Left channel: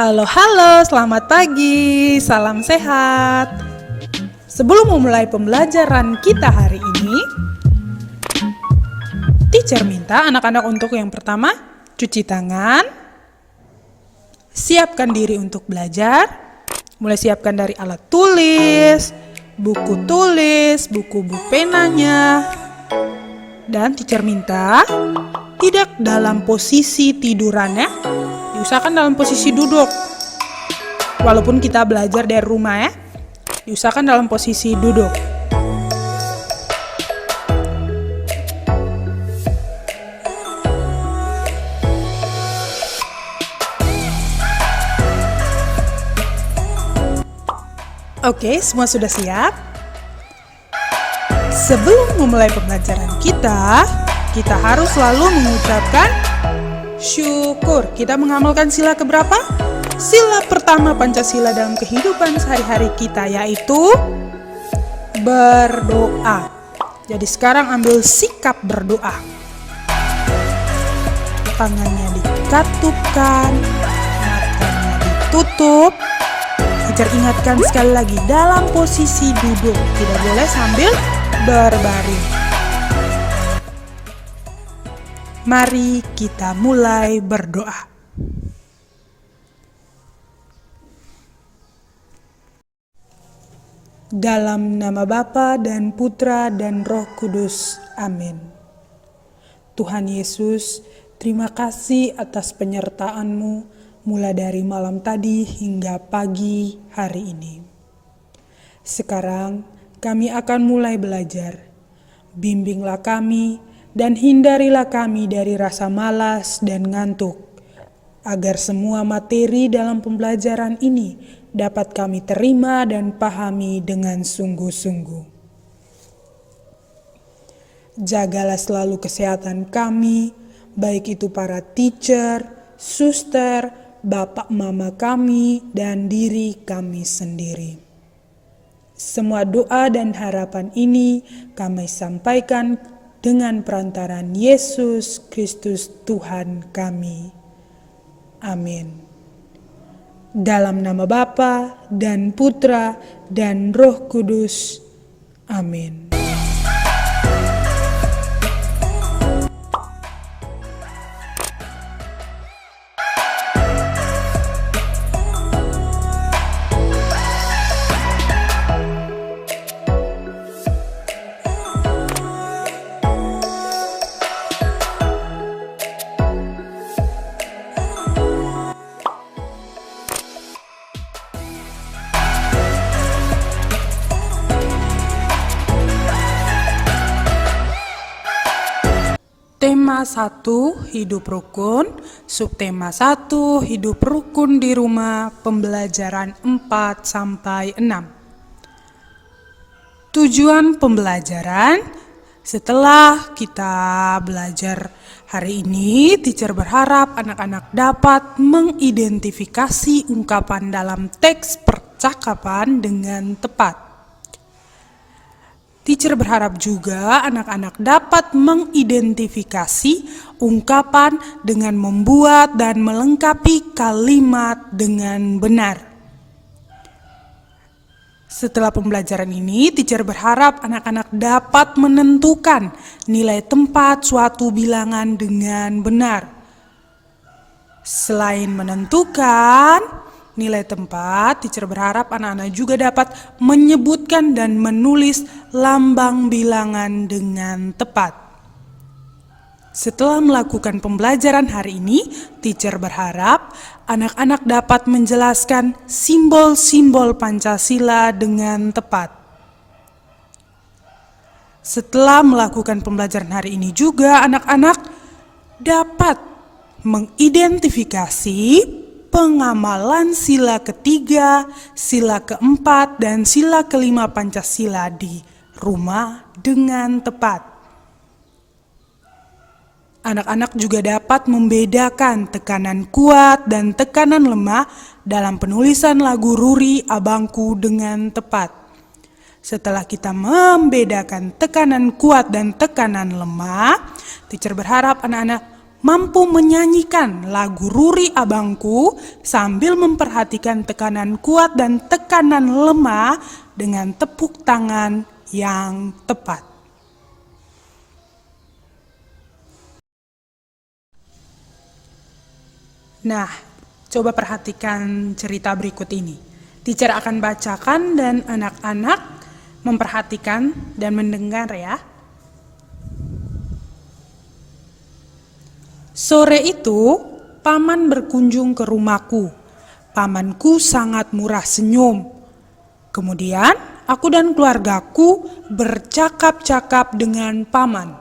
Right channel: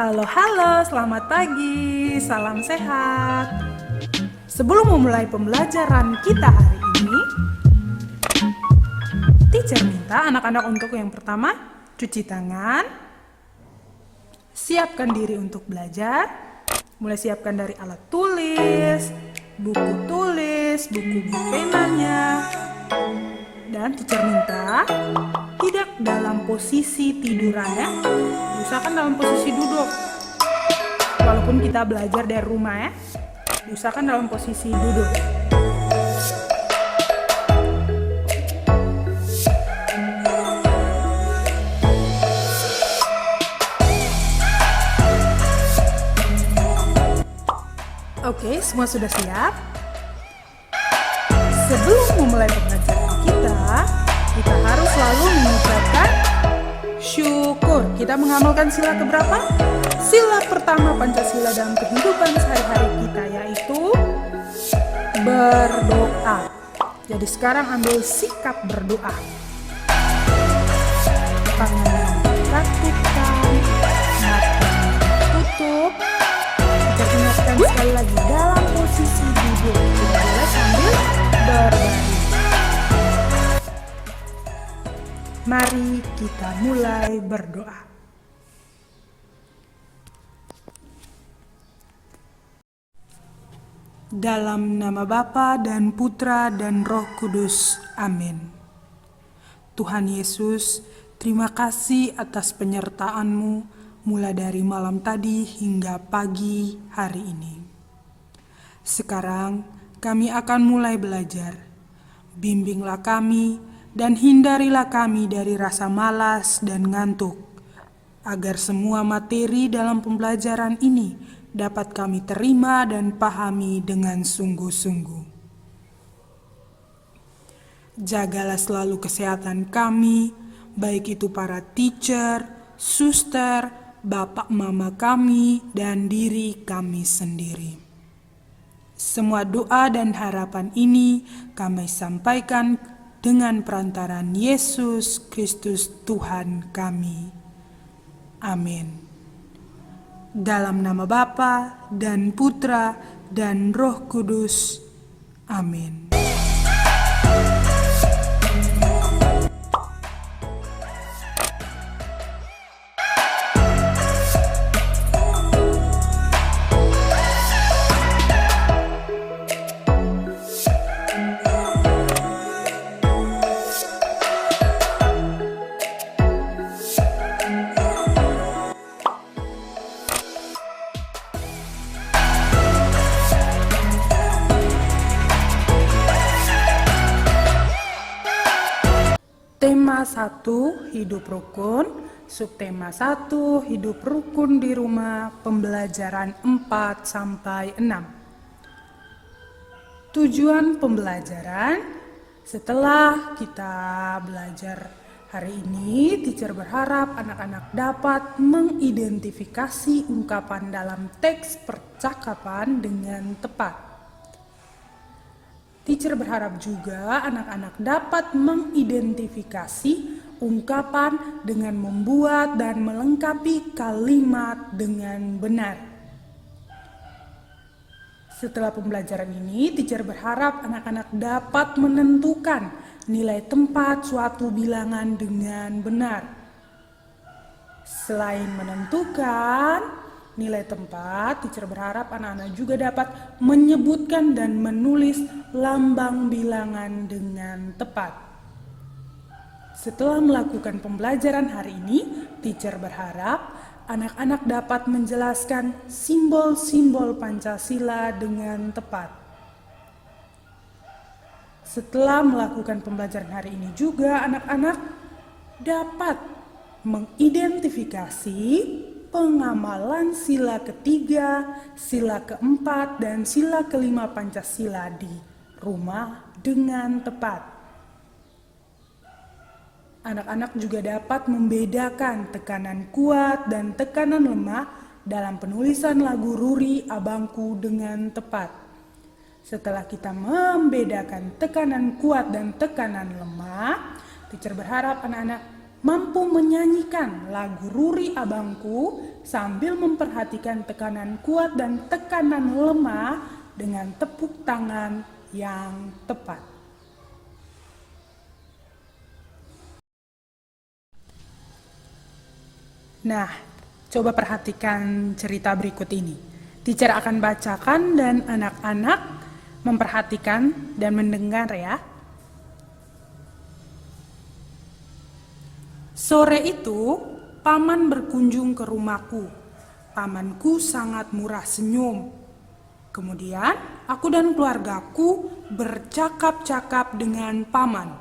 Halo, selamat pagi, salam sehat. Sebelum memulai pembelajaran kita hari ini, teacher minta anak-anak untuk yang pertama, cuci tangan, siapkan diri untuk belajar, mulai siapkan dari alat tulis, buku penanya, dan teacher minta tidak dalam posisi tiduran ya. Diusahakan dalam posisi duduk. Walaupun kita belajar dari rumah ya, diusahakan dalam posisi duduk. Oke, semua sudah siap? Sebelum memulai pembelajaran kita harus selalu mengucapkan syukur. Kita mengamalkan sila keberapa? Sila pertama Pancasila dalam kehidupan sehari-hari kita, yaitu berdoa. Jadi sekarang ambil sikap berdoa. Tangannya dikatupkan, matanya ditutup. Kita ingatkan sekali lagi dalam posisi duduk. Tidak boleh sambil berbaring. Mari kita mulai berdoa. Dalam nama Bapa dan Putra dan Roh Kudus. Amin. Tuhan Yesus, terima kasih atas penyertaan-Mu mulai dari malam tadi hingga pagi hari ini. Sekarang kami akan mulai belajar. Bimbinglah kami dan hindarilah kami dari rasa malas dan ngantuk, agar semua materi dalam pembelajaran ini dapat kami terima dan pahami dengan sungguh-sungguh. Jagalah selalu kesehatan kami, baik itu para teacher, suster, bapak mama kami, dan diri kami sendiri. Semua doa dan harapan ini kami sampaikan dengan perantaran Yesus Kristus Tuhan kami. Amin. Dalam nama Bapa dan Putra dan Roh Kudus. Amin. Tema 1, hidup rukun. Subtema 1, hidup rukun di rumah. Pembelajaran 4-6. Tujuan pembelajaran, setelah kita belajar hari ini, teacher berharap anak-anak dapat mengidentifikasi ungkapan dalam teks percakapan dengan tepat. Teacher berharap juga anak-anak dapat mengidentifikasi ungkapan dengan membuat dan melengkapi kalimat dengan benar. Setelah pembelajaran ini, teacher berharap anak-anak dapat menentukan nilai tempat suatu bilangan dengan benar. Selain menentukan nilai tempat, teacher berharap anak-anak juga dapat menyebutkan dan menulis lambang bilangan dengan tepat. Setelah melakukan pembelajaran hari ini, teacher berharap anak-anak dapat menjelaskan simbol-simbol Pancasila dengan tepat. Setelah melakukan pembelajaran hari ini juga, anak-anak dapat mengidentifikasi pengamalan sila ketiga, sila keempat, dan sila kelima Pancasila di rumah dengan tepat. Anak-anak juga dapat membedakan tekanan kuat dan tekanan lemah dalam penulisan lagu Ruri Abangku dengan tepat. Setelah kita membedakan tekanan kuat dan tekanan lemah, teacher berharap anak-anak mampu menyanyikan lagu Ruri Abangku sambil memperhatikan tekanan kuat dan tekanan lemah dengan tepuk tangan yang tepat. Nah, coba perhatikan cerita berikut ini. Teacher akan bacakan dan anak-anak memperhatikan dan mendengar ya. Sore itu, paman berkunjung ke rumahku. Pamanku sangat murah senyum. Kemudian, aku dan keluargaku bercakap-cakap dengan paman.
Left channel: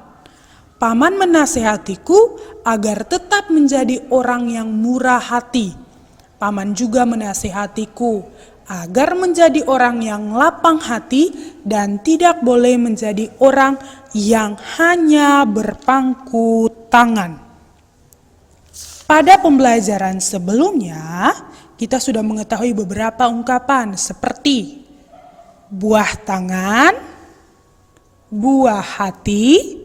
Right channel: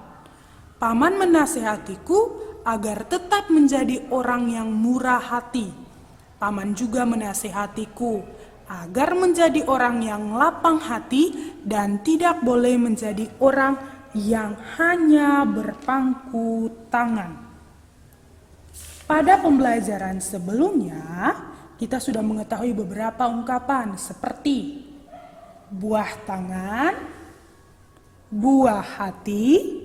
Paman menasehatiku agar tetap menjadi orang yang murah hati. Paman juga menasehatiku agar menjadi orang yang lapang hati dan tidak boleh menjadi orang yang hanya berpangku tangan. Pada pembelajaran sebelumnya, kita sudah mengetahui beberapa ungkapan seperti buah tangan, buah hati,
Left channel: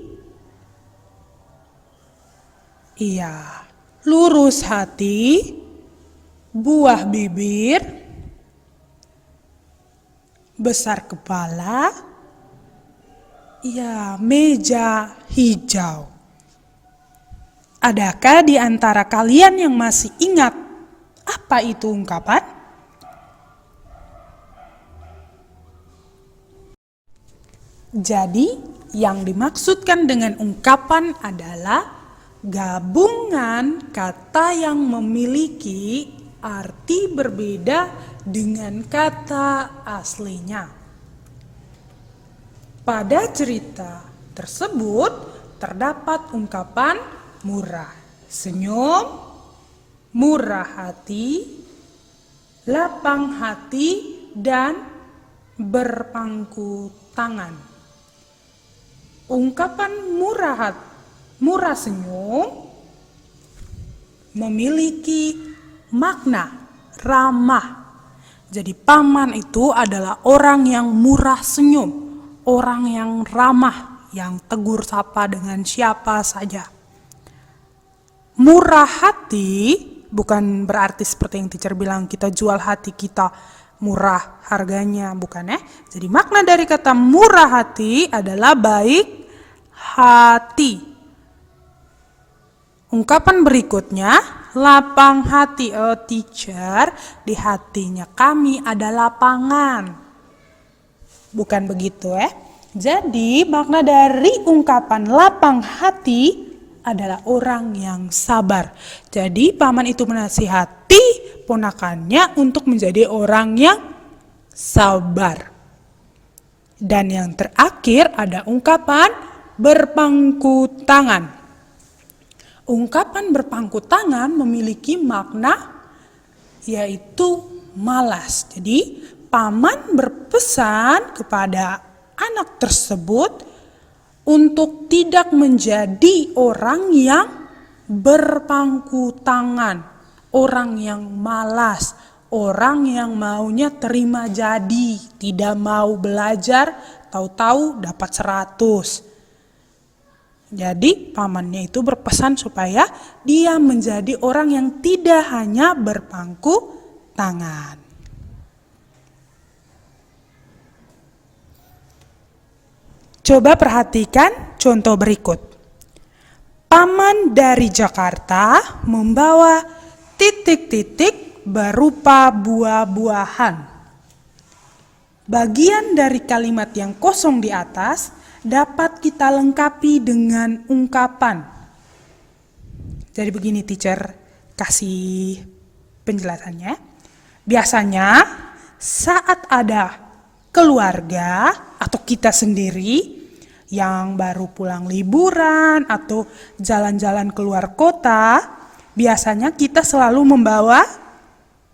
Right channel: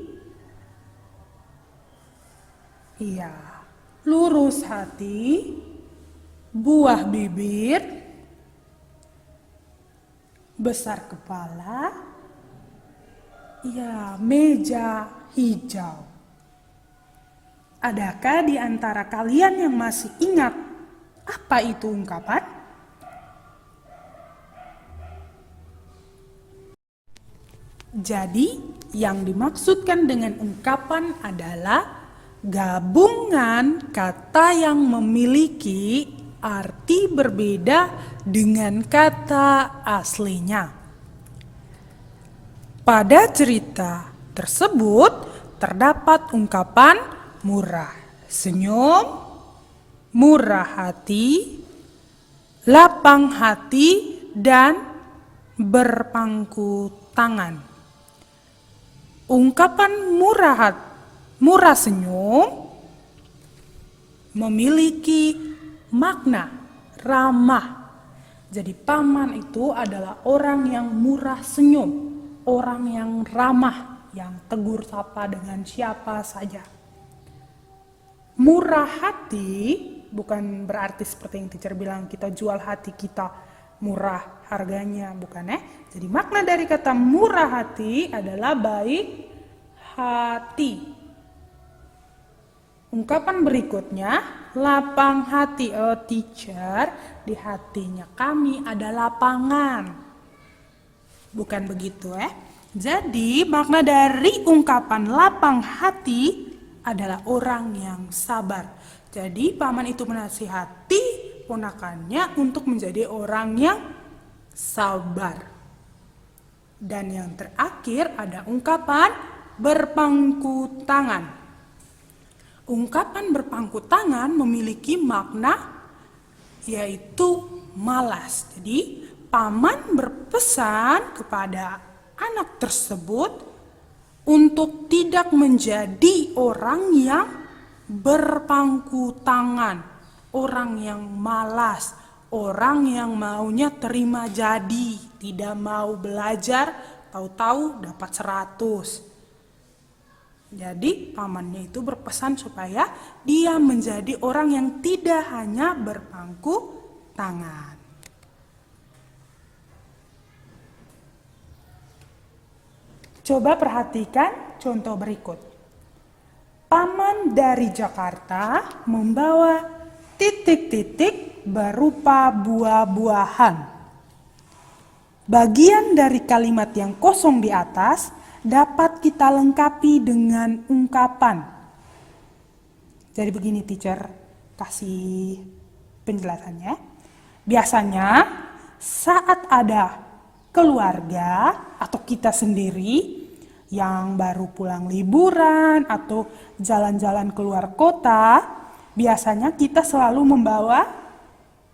lurus hati, buah bibir, besar kepala, meja hijau. Adakah di antara kalian yang masih ingat apa itu ungkapan? Jadi, yang dimaksudkan dengan ungkapan adalah gabungan kata yang memiliki arti berbeda dengan kata aslinya. Pada cerita tersebut terdapat ungkapan murah senyum, murah hati, lapang hati, dan berpangku tangan. Ungkapan murah senyum memiliki makna ramah. Jadi paman itu adalah orang yang murah senyum, orang yang ramah, yang tegur sapa dengan siapa saja. Murah hati bukan berarti seperti yang teacher bilang kita jual hati kita murah harganya, bukan ya. Jadi makna dari kata murah hati adalah baik hati. Ungkapan berikutnya, lapang hati. Oh teacher, di hatinya kami ada lapangan. Bukan begitu ya. Jadi makna dari ungkapan lapang hati adalah orang yang sabar. Jadi paman itu menasihati ponakannya untuk menjadi orang yang sabar. Dan yang terakhir ada ungkapan berpangku tangan. Ungkapan berpangku tangan memiliki makna yaitu malas. Jadi paman berpesan kepada anak tersebut untuk tidak menjadi orang yang berpangku tangan, orang yang malas, orang yang maunya terima jadi, tidak mau belajar, tahu-tahu dapat 100. Jadi pamannya itu berpesan supaya dia menjadi orang yang tidak hanya berpangku tangan. Coba perhatikan contoh berikut. Paman dari Jakarta membawa titik-titik berupa buah-buahan. Bagian dari kalimat yang kosong di atas dapat kita lengkapi dengan ungkapan. Jadi begini teacher kasih penjelasannya. Biasanya saat ada keluarga atau kita sendiri yang baru pulang liburan atau jalan-jalan keluar kota, biasanya kita selalu membawa,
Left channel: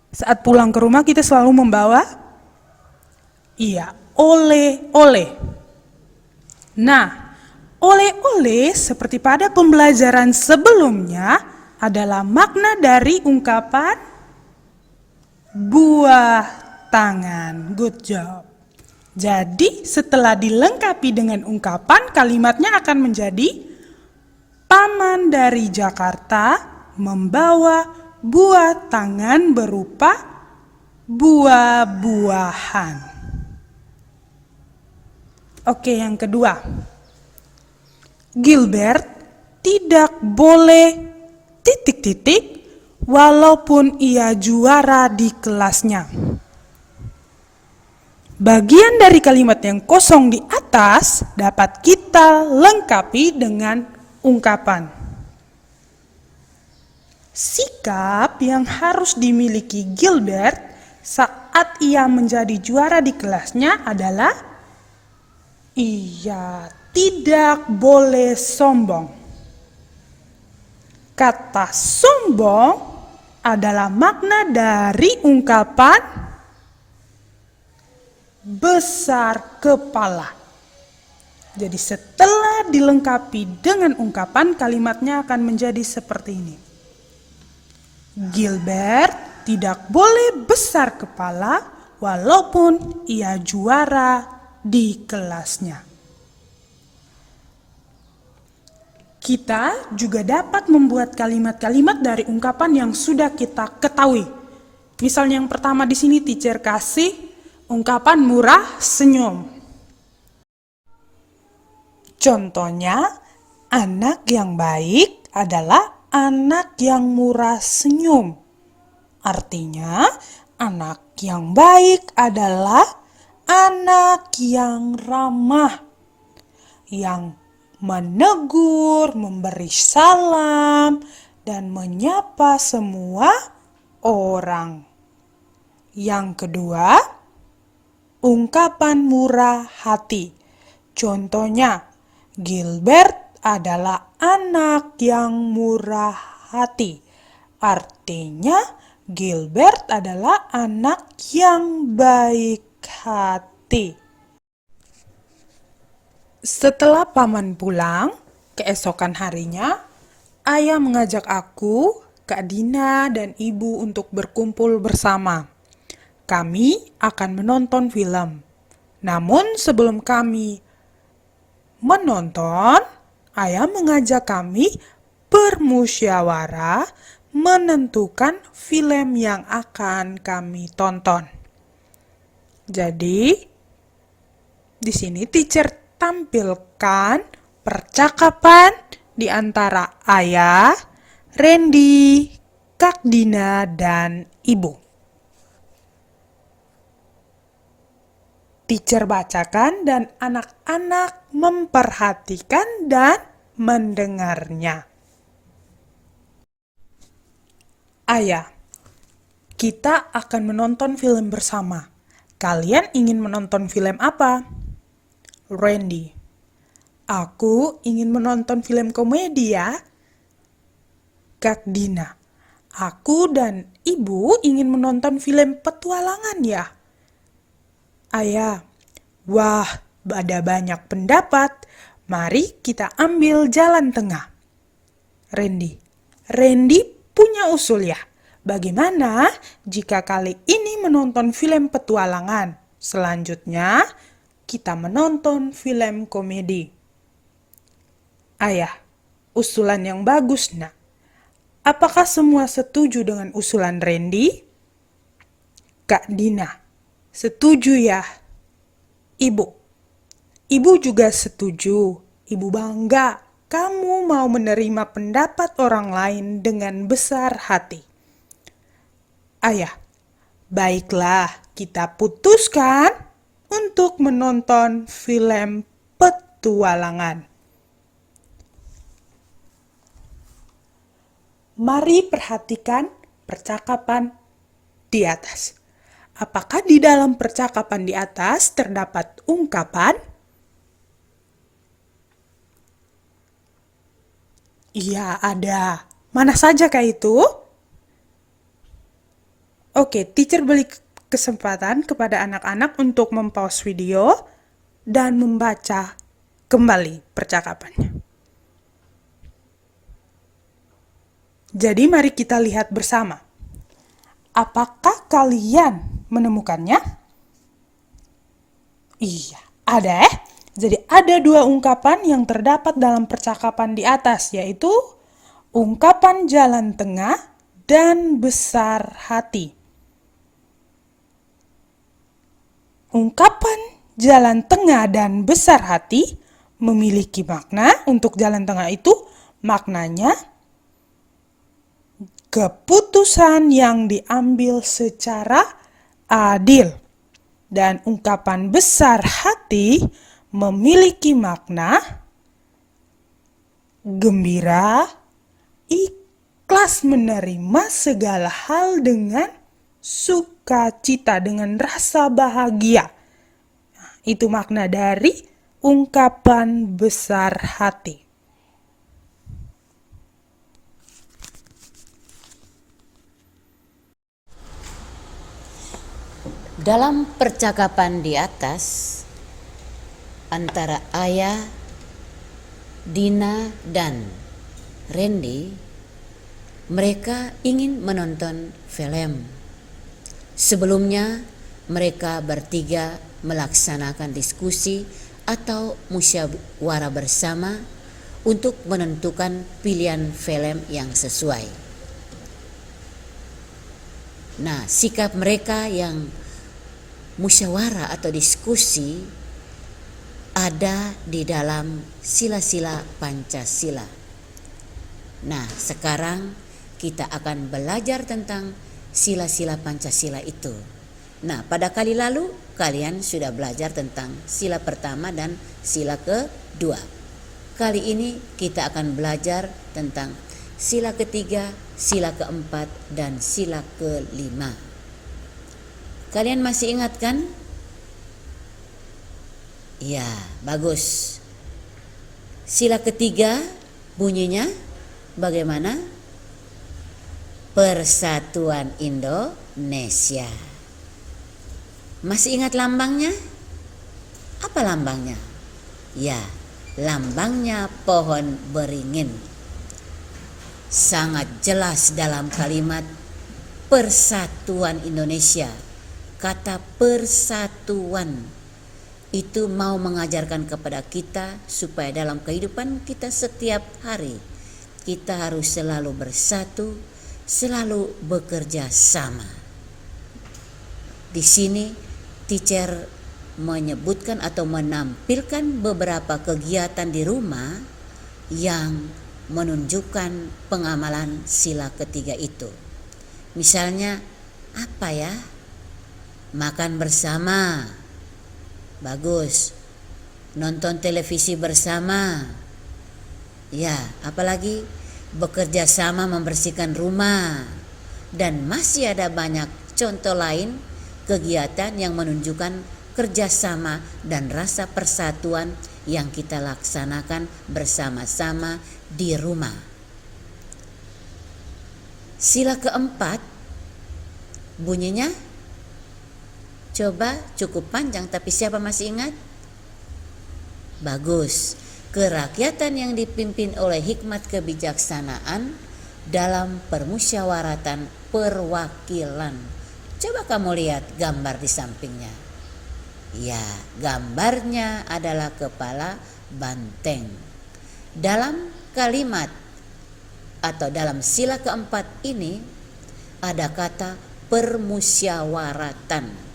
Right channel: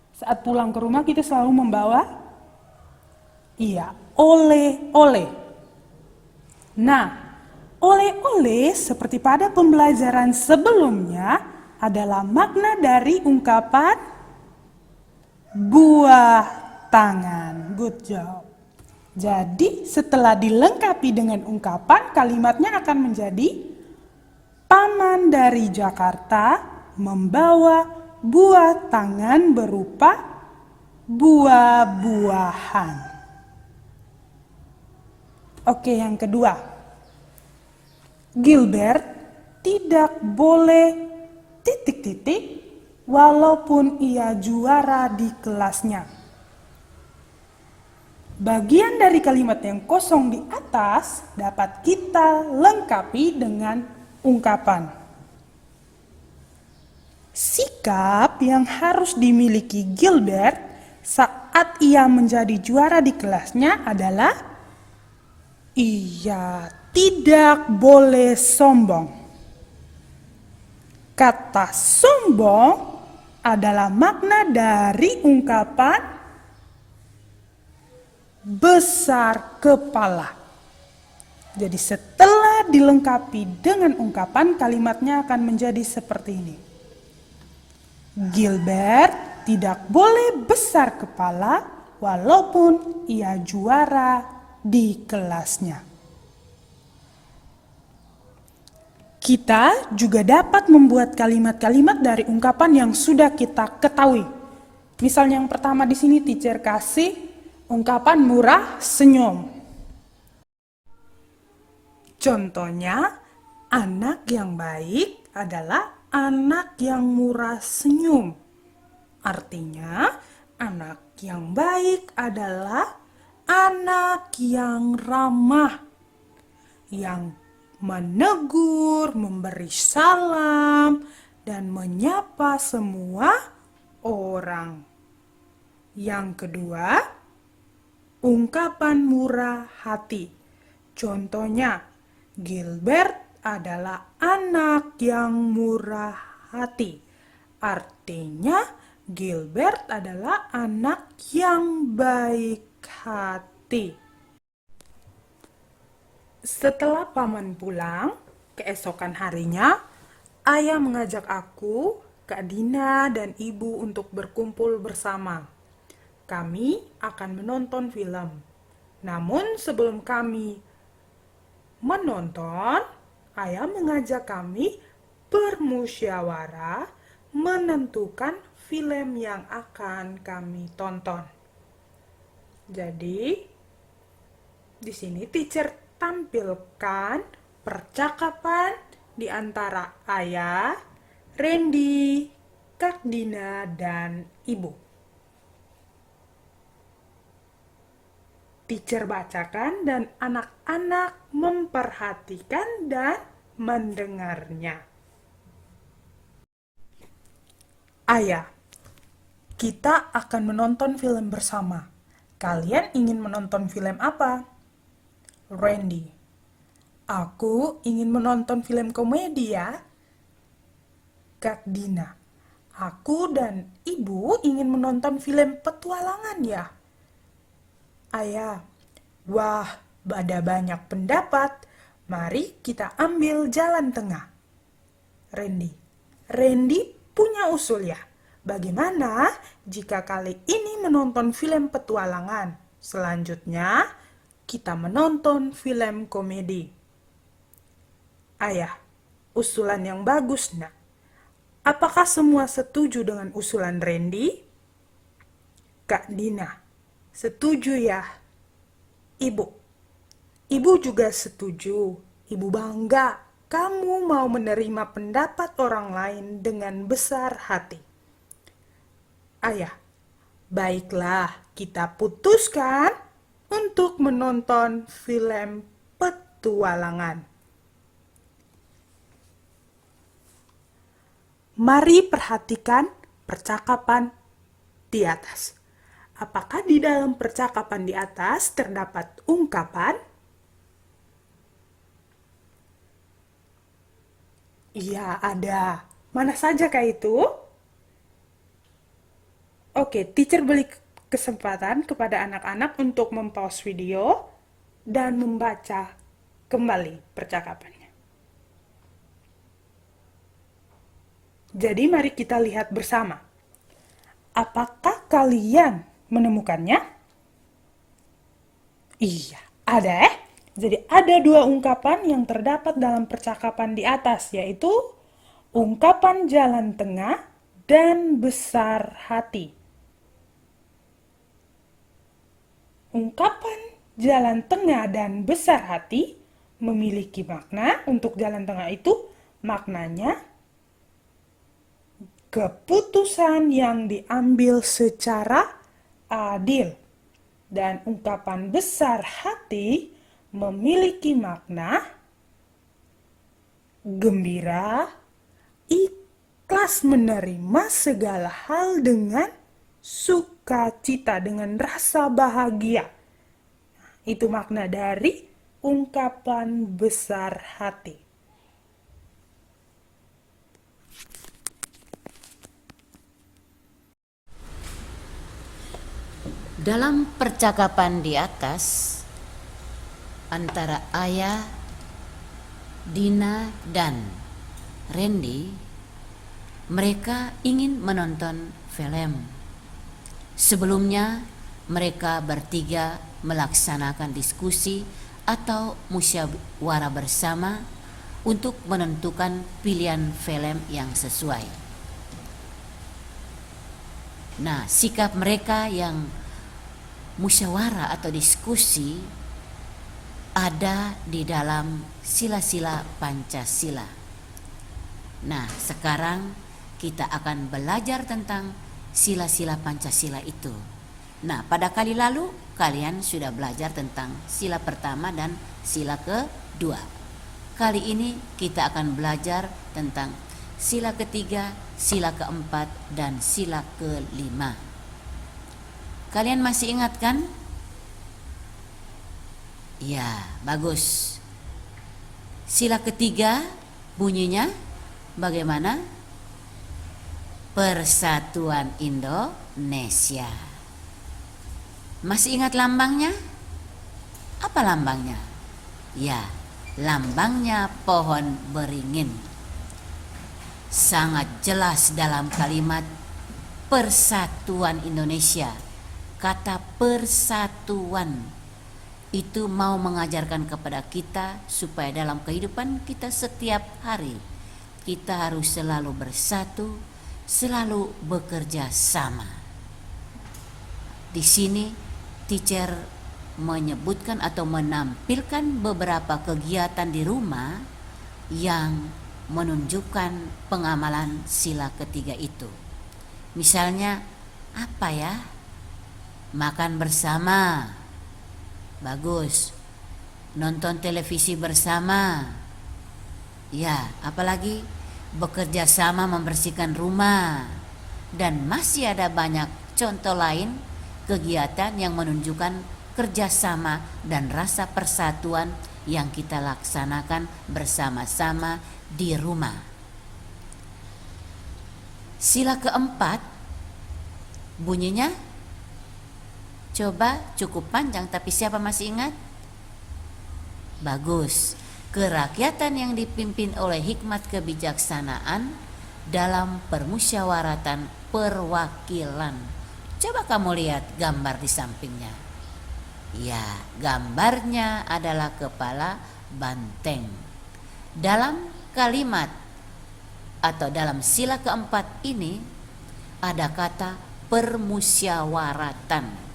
saat pulang ke rumah kita selalu membawa oleh-oleh. Nah, oleh-oleh seperti pada pembelajaran sebelumnya adalah makna dari ungkapan buah tangan. Good job. Jadi setelah dilengkapi dengan ungkapan, kalimatnya akan menjadi Paman dari Jakarta membawa buah tangan berupa buah-buahan. Oke, yang kedua. Gilbert tidak boleh ... walaupun ia juara di kelasnya. Bagian dari kalimat yang kosong di atas dapat kita lengkapi dengan ungkapan. Sikap yang harus dimiliki Gilbert saat ia menjadi juara di kelasnya adalah ia tidak boleh sombong. Kata sombong adalah makna dari ungkapan besar kepala. Jadi setelah dilengkapi dengan ungkapan, kalimatnya akan menjadi seperti ini. Gilbert tidak boleh besar kepala walaupun ia juara di kelasnya. Kita juga dapat membuat kalimat-kalimat dari ungkapan yang sudah kita ketahui. Misalnya yang pertama di sini teacher kasih ungkapan murah senyum. Contohnya, anak yang baik adalah anak yang murah senyum. Artinya, anak yang baik adalah anak yang ramah, yang menegur, memberi salam, dan menyapa semua orang. Yang kedua, ungkapan murah hati. Contohnya, Gilbert adalah anak yang murah hati. Artinya, Gilbert adalah anak yang baik hati. Setelah paman pulang, keesokan harinya, ayah mengajak aku, Kak Dina, dan ibu untuk berkumpul bersama. Kami akan menonton film. Namun sebelum kami menonton, ayah mengajak kami bermusyawarah menentukan film yang akan kami tonton. Jadi, di sini teacher tampilkan percakapan di antara ayah, Randy, Kak Dina, dan ibu. Teacher bacakan dan anak-anak memperhatikan dan mendengarnya. Ayah, kita akan menonton film bersama. Kalian ingin menonton film apa? Randy, aku ingin menonton film komedi ya. Kak Dina, aku dan ibu ingin menonton film petualangan ya. Ayah, wah, ada banyak pendapat. Mari kita ambil jalan tengah. Randy punya usul ya. Bagaimana jika kali ini menonton film petualangan? Selanjutnya, kita menonton film komedi. Ayah, usulan yang bagus, nak. Apakah semua setuju dengan usulan Randy? Kak Dina, setuju ya. Ibu juga setuju. Ibu bangga kamu mau menerima pendapat orang lain dengan besar hati. Ayah, baiklah, kita putuskan untuk menonton film petualangan. Mari perhatikan percakapan di atas. Apakah di dalam percakapan di atas terdapat ungkapan? Iya, ada. Mana saja kah itu? Oke, teacher beri kesempatan kepada anak-anak untuk mempause video dan membaca kembali percakapannya. Jadi mari kita lihat bersama. Apakah kalian menemukannya? Iya, ada Jadi ada dua ungkapan yang terdapat dalam percakapan di atas, yaitu ungkapan jalan tengah dan besar hati. Ungkapan jalan tengah dan besar hati memiliki makna. Untuk jalan tengah itu maknanya keputusan yang diambil secara adil. Dan ungkapan besar hati memiliki makna gembira, ikhlas menerima segala hal dengan sukacita, dengan rasa bahagia. Itu makna dari ungkapan besar hati. Dalam percakapan di atas antara Ayah, Dina, dan Randy, mereka ingin menonton film. Sebelumnya, mereka bertiga melaksanakan diskusi atau musyawarah bersama untuk menentukan pilihan film yang sesuai. Nah, sikap mereka yang musyawarah atau diskusi ada di dalam sila-sila Pancasila. Nah, sekarang kita akan belajar tentang sila-sila Pancasila itu. Nah, pada kali lalu kalian sudah belajar tentang sila pertama dan sila kedua. Kali ini kita akan belajar tentang sila ketiga, sila keempat, dan sila kelima. Kalian masih ingat kan? Ya, bagus. Sila ketiga bunyinya bagaimana? Persatuan Indonesia. Masih ingat lambangnya? Apa lambangnya? Ya, lambangnya pohon beringin. Sangat jelas dalam kalimat Persatuan Indonesia. Kata persatuan itu mau mengajarkan kepada kita supaya dalam kehidupan kita setiap hari kita harus selalu bersatu, selalu bekerja sama. Di sini teacher menyebutkan atau menampilkan beberapa kegiatan di rumah yang menunjukkan pengamalan sila ketiga itu. Misalnya apa ya? Makan bersama, bagus. Nonton televisi bersama, ya. Apalagi bekerja sama membersihkan rumah, dan masih ada banyak contoh lain kegiatan yang menunjukkan kerjasama dan rasa persatuan yang kita laksanakan bersama-sama di rumah. Sila keempat bunyinya coba cukup panjang, tapi siapa masih ingat? Bagus. Kerakyatan yang dipimpin oleh hikmat kebijaksanaan dalam permusyawaratan perwakilan. Coba kamu lihat gambar di sampingnya. Ya, gambarnya adalah kepala banteng. Dalam kalimat atau dalam sila keempat ini ada kata permusyawaratan.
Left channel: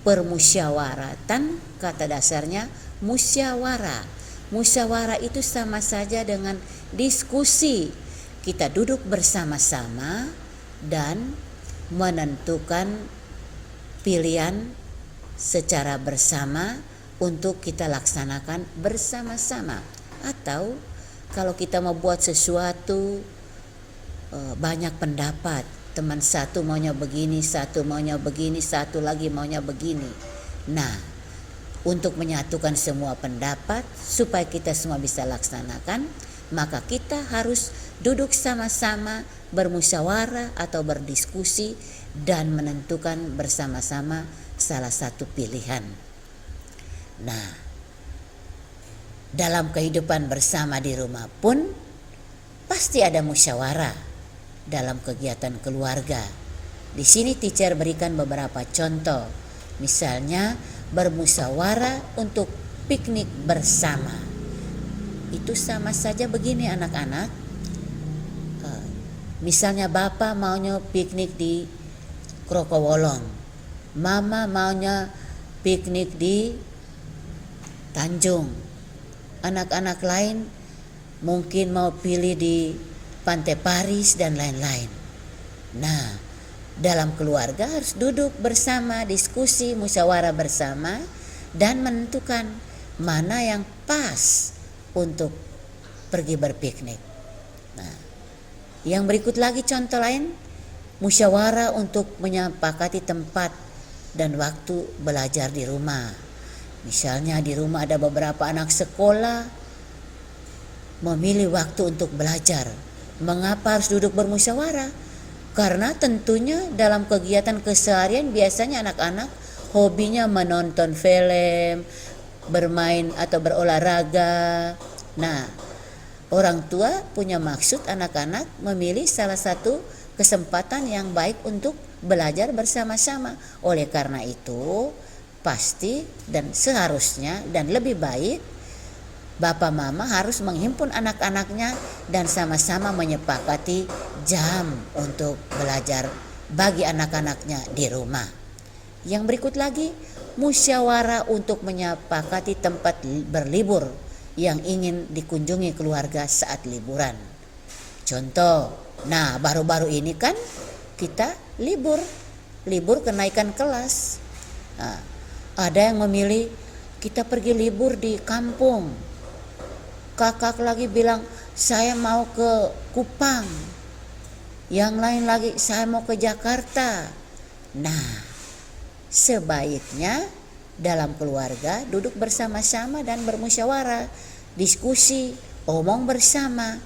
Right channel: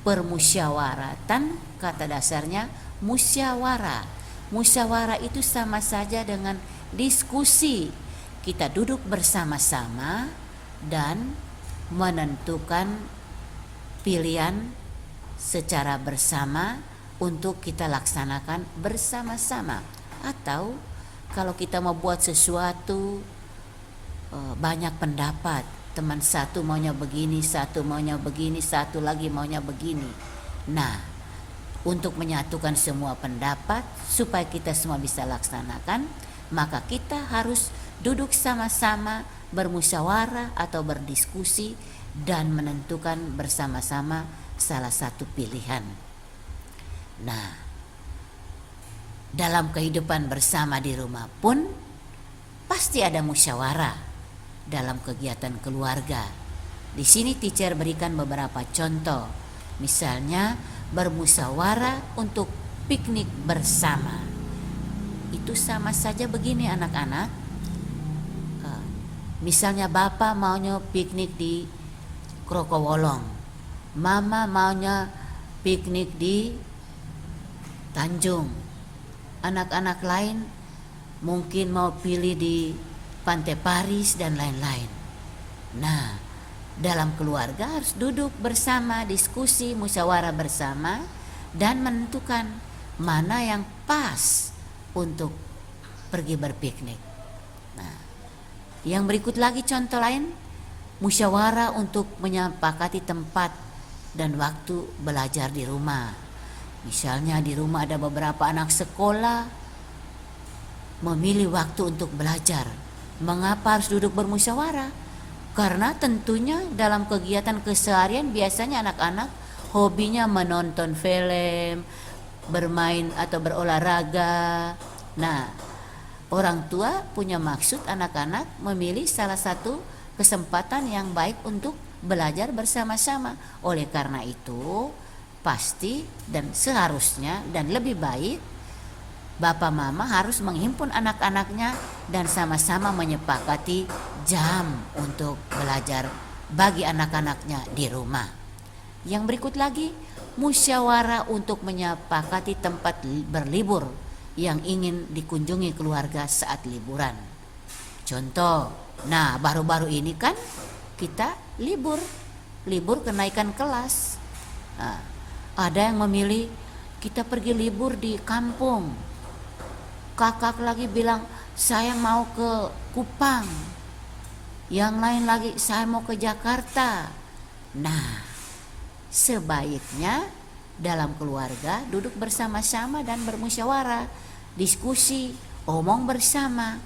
Permusyawaratan kata dasarnya musyawarah. Musyawarah itu sama saja dengan diskusi. Kita duduk bersama-sama dan menentukan pilihan secara bersama untuk kita laksanakan bersama-sama. Atau kalau kita mau buat sesuatu banyak pendapat, teman satu maunya begini, satu maunya begini, satu lagi maunya begini. Nah, untuk menyatukan semua pendapat supaya kita semua bisa laksanakan, maka kita harus duduk sama-sama bermusyawarah atau berdiskusi dan menentukan bersama-sama salah satu pilihan. Nah, dalam kehidupan bersama di rumah pun pasti ada musyawarah dalam kegiatan keluarga. Di sini teacher berikan beberapa contoh. Misalnya bermusyawarah untuk piknik bersama. Itu sama saja begini anak-anak. Misalnya bapak maunya piknik di Krokowolong, mama maunya piknik di Tanjung, anak-anak lain mungkin mau pilih di Pantai Paris dan lain-lain. Nah, dalam keluarga harus duduk bersama, diskusi, musyawarah bersama dan menentukan mana yang pas untuk pergi berpiknik. Nah, yang berikut lagi contoh lain, musyawarah untuk menyepakati tempat dan waktu belajar di rumah. Misalnya di rumah ada beberapa anak sekolah memilih waktu untuk belajar. Mengapa harus duduk bermusyawarah? Karena tentunya dalam kegiatan keseharian biasanya anak-anak hobinya menonton film, bermain atau berolahraga. Nah, orang tua punya maksud anak-anak memilih salah satu kesempatan yang baik untuk belajar bersama-sama. Oleh karena itu, pasti dan seharusnya dan lebih baik Bapak Mama harus menghimpun anak-anaknya dan sama-sama menyepakati jam untuk belajar bagi anak-anaknya di rumah. Yang berikut lagi, musyawarah untuk menyepakati tempat berlibur yang ingin dikunjungi keluarga saat liburan. Contoh, nah baru-baru ini kan kita libur kenaikan kelas. Nah, ada yang memilih kita pergi libur di kampung. Kakak lagi bilang saya mau ke Kupang. Yang lain lagi saya mau ke Jakarta. Nah, sebaiknya dalam keluarga duduk bersama-sama dan bermusyawarah, diskusi, omong bersama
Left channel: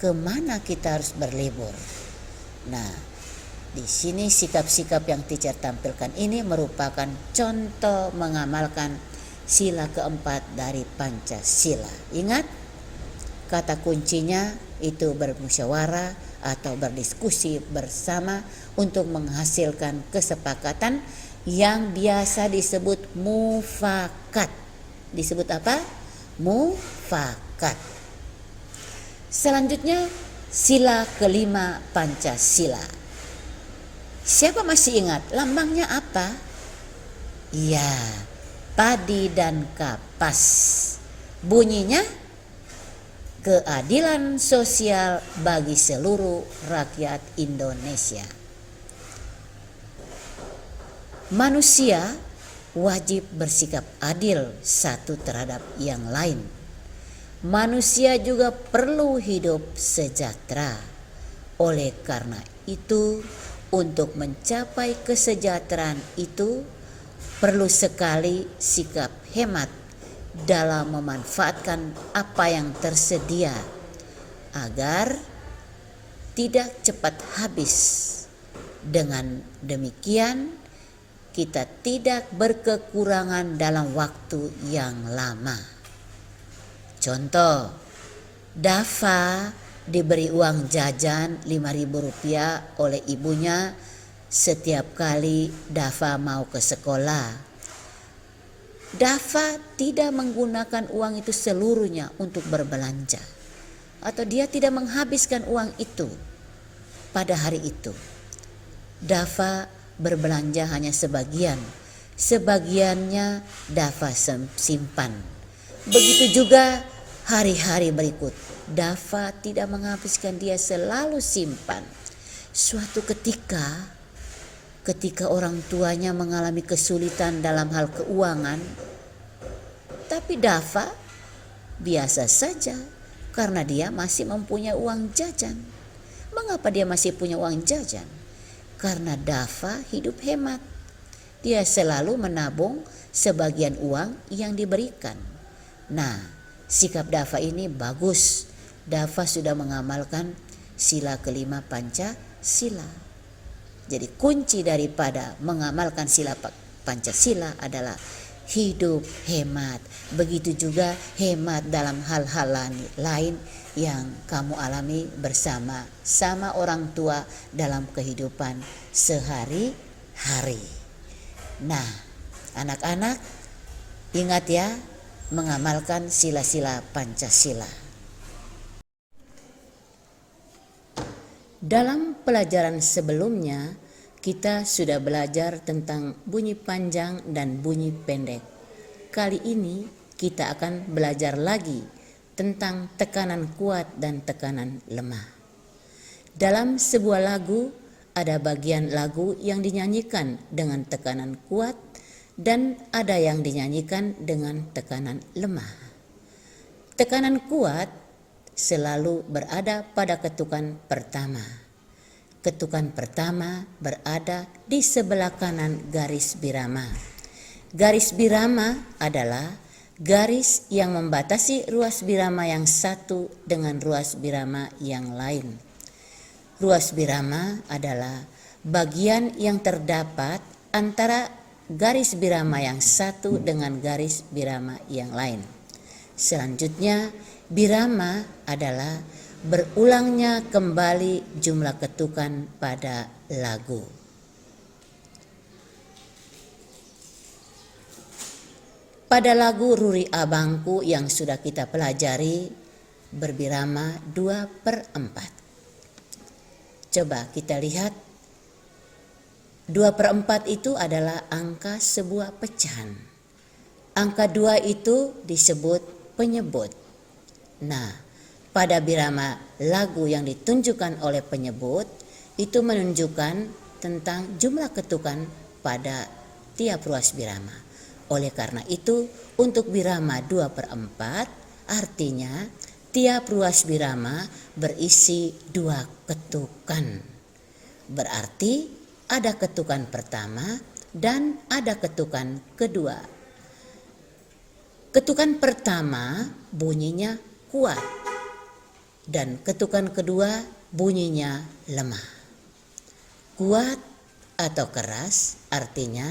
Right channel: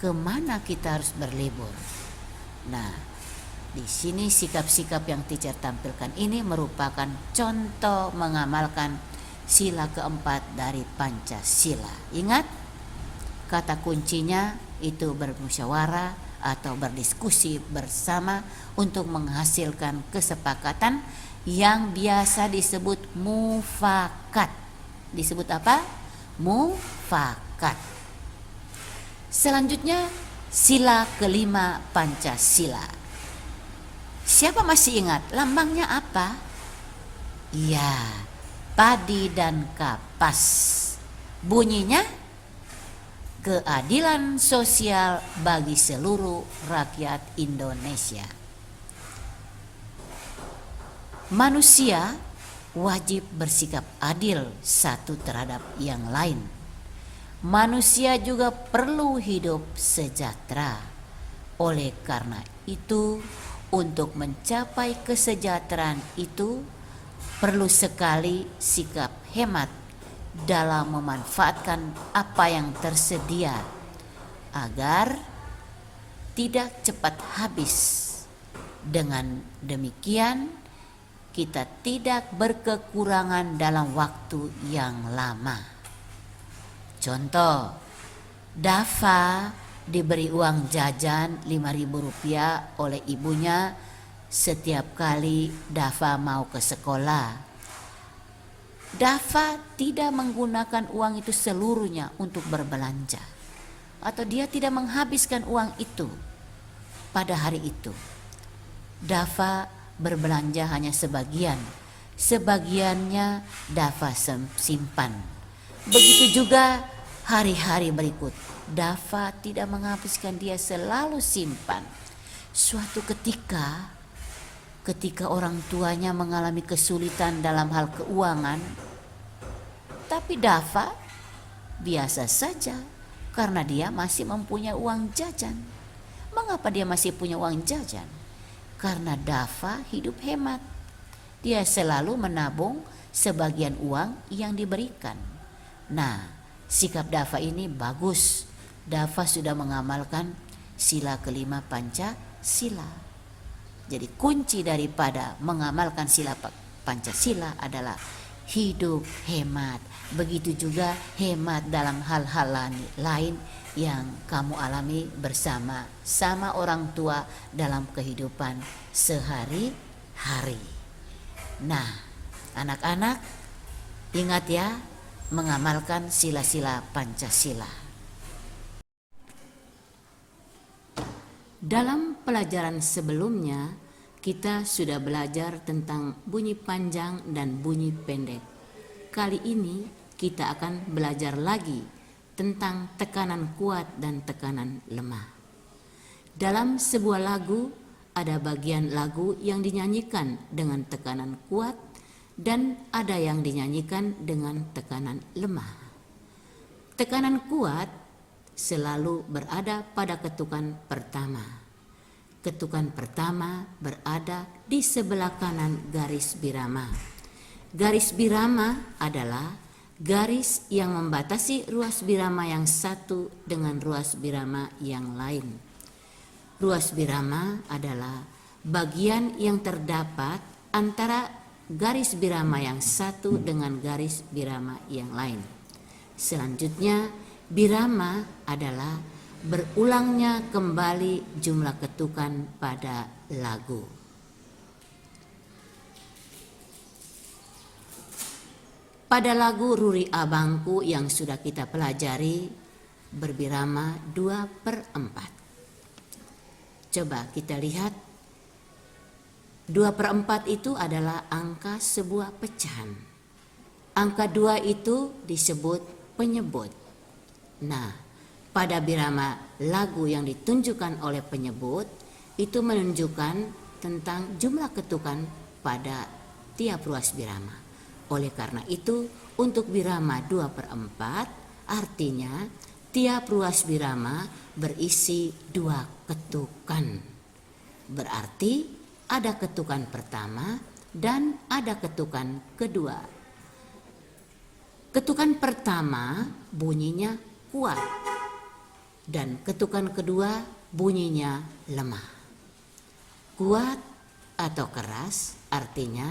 kemana kita harus berlibur. Nah, di sini sikap-sikap yang teacher tampilkan ini merupakan contoh mengamalkan sila keempat dari Pancasila. Ingat, kata kuncinya itu bermusyawarah atau berdiskusi bersama untuk menghasilkan kesepakatan yang biasa disebut mufakat. Disebut apa? Mufakat. Selanjutnya sila kelima Pancasila. Siapa masih ingat lambangnya apa? Iya, padi dan kapas. Bunyinya keadilan sosial bagi seluruh rakyat Indonesia. Manusia wajib bersikap adil satu terhadap yang lain. Manusia juga perlu hidup sejahtera. Oleh karena itu, untuk mencapai kesejahteraan itu perlu sekali sikap hemat dalam memanfaatkan apa yang tersedia agar tidak cepat habis. Dengan demikian kita tidak berkekurangan dalam waktu yang lama. Contoh, Dava diberi uang jajan Rp5.000 oleh ibunya setiap kali Dava mau ke sekolah. Dava tidak menggunakan uang itu seluruhnya untuk berbelanja, atau dia tidak menghabiskan uang itu pada hari itu. Dava berbelanja hanya sebagiannya Dava simpan. Begitu juga hari-hari berikut, Dava tidak menghabiskan, dia selalu simpan. Suatu ketika orang tuanya mengalami kesulitan dalam hal keuangan, tapi Dava biasa saja karena dia masih mempunyai uang jajan. Mengapa dia masih punya uang jajan? Karena Dava hidup hemat. Dia selalu menabung sebagian uang yang diberikan. Nah, sikap Dava ini bagus. Dava sudah mengamalkan sila kelima Pancasila. Jadi kunci daripada mengamalkan sila Pancasila adalah hidup hemat. Begitu juga hemat dalam hal-hal lain yang kamu alami bersama sama orang tua dalam kehidupan sehari-hari. Nah, anak-anak ingat ya, mengamalkan sila-sila Pancasila. Dalam pelajaran sebelumnya, kita sudah belajar tentang bunyi panjang dan bunyi pendek. Kali ini kita akan belajar lagi tentang tekanan kuat dan tekanan lemah. Dalam sebuah lagu, ada bagian lagu yang dinyanyikan dengan tekanan kuat dan ada yang dinyanyikan dengan tekanan lemah. Tekanan kuat selalu berada pada ketukan pertama. Ketukan pertama berada di sebelah kanan garis birama. Garis birama adalah garis yang membatasi ruas birama yang satu dengan ruas birama yang lain. Ruas birama adalah bagian yang terdapat antara garis birama yang satu dengan garis birama yang lain. Selanjutnya, birama adalah berulangnya kembali jumlah ketukan pada lagu. Pada lagu Ruri Abangku yang sudah kita pelajari berbirama 2/4. Coba kita lihat, 2/4 itu adalah angka sebuah pecahan. Angka 2 itu disebut penyebut. Nah, pada birama lagu yang ditunjukkan oleh penyebut itu menunjukkan tentang jumlah ketukan pada tiap ruas birama. Oleh karena itu, untuk birama 2/4 artinya tiap ruas birama berisi 2 ketukan. Berarti ada ketukan pertama dan ada ketukan kedua. Ketukan pertama bunyinya kuat dan ketukan kedua bunyinya lemah. Kuat atau keras artinya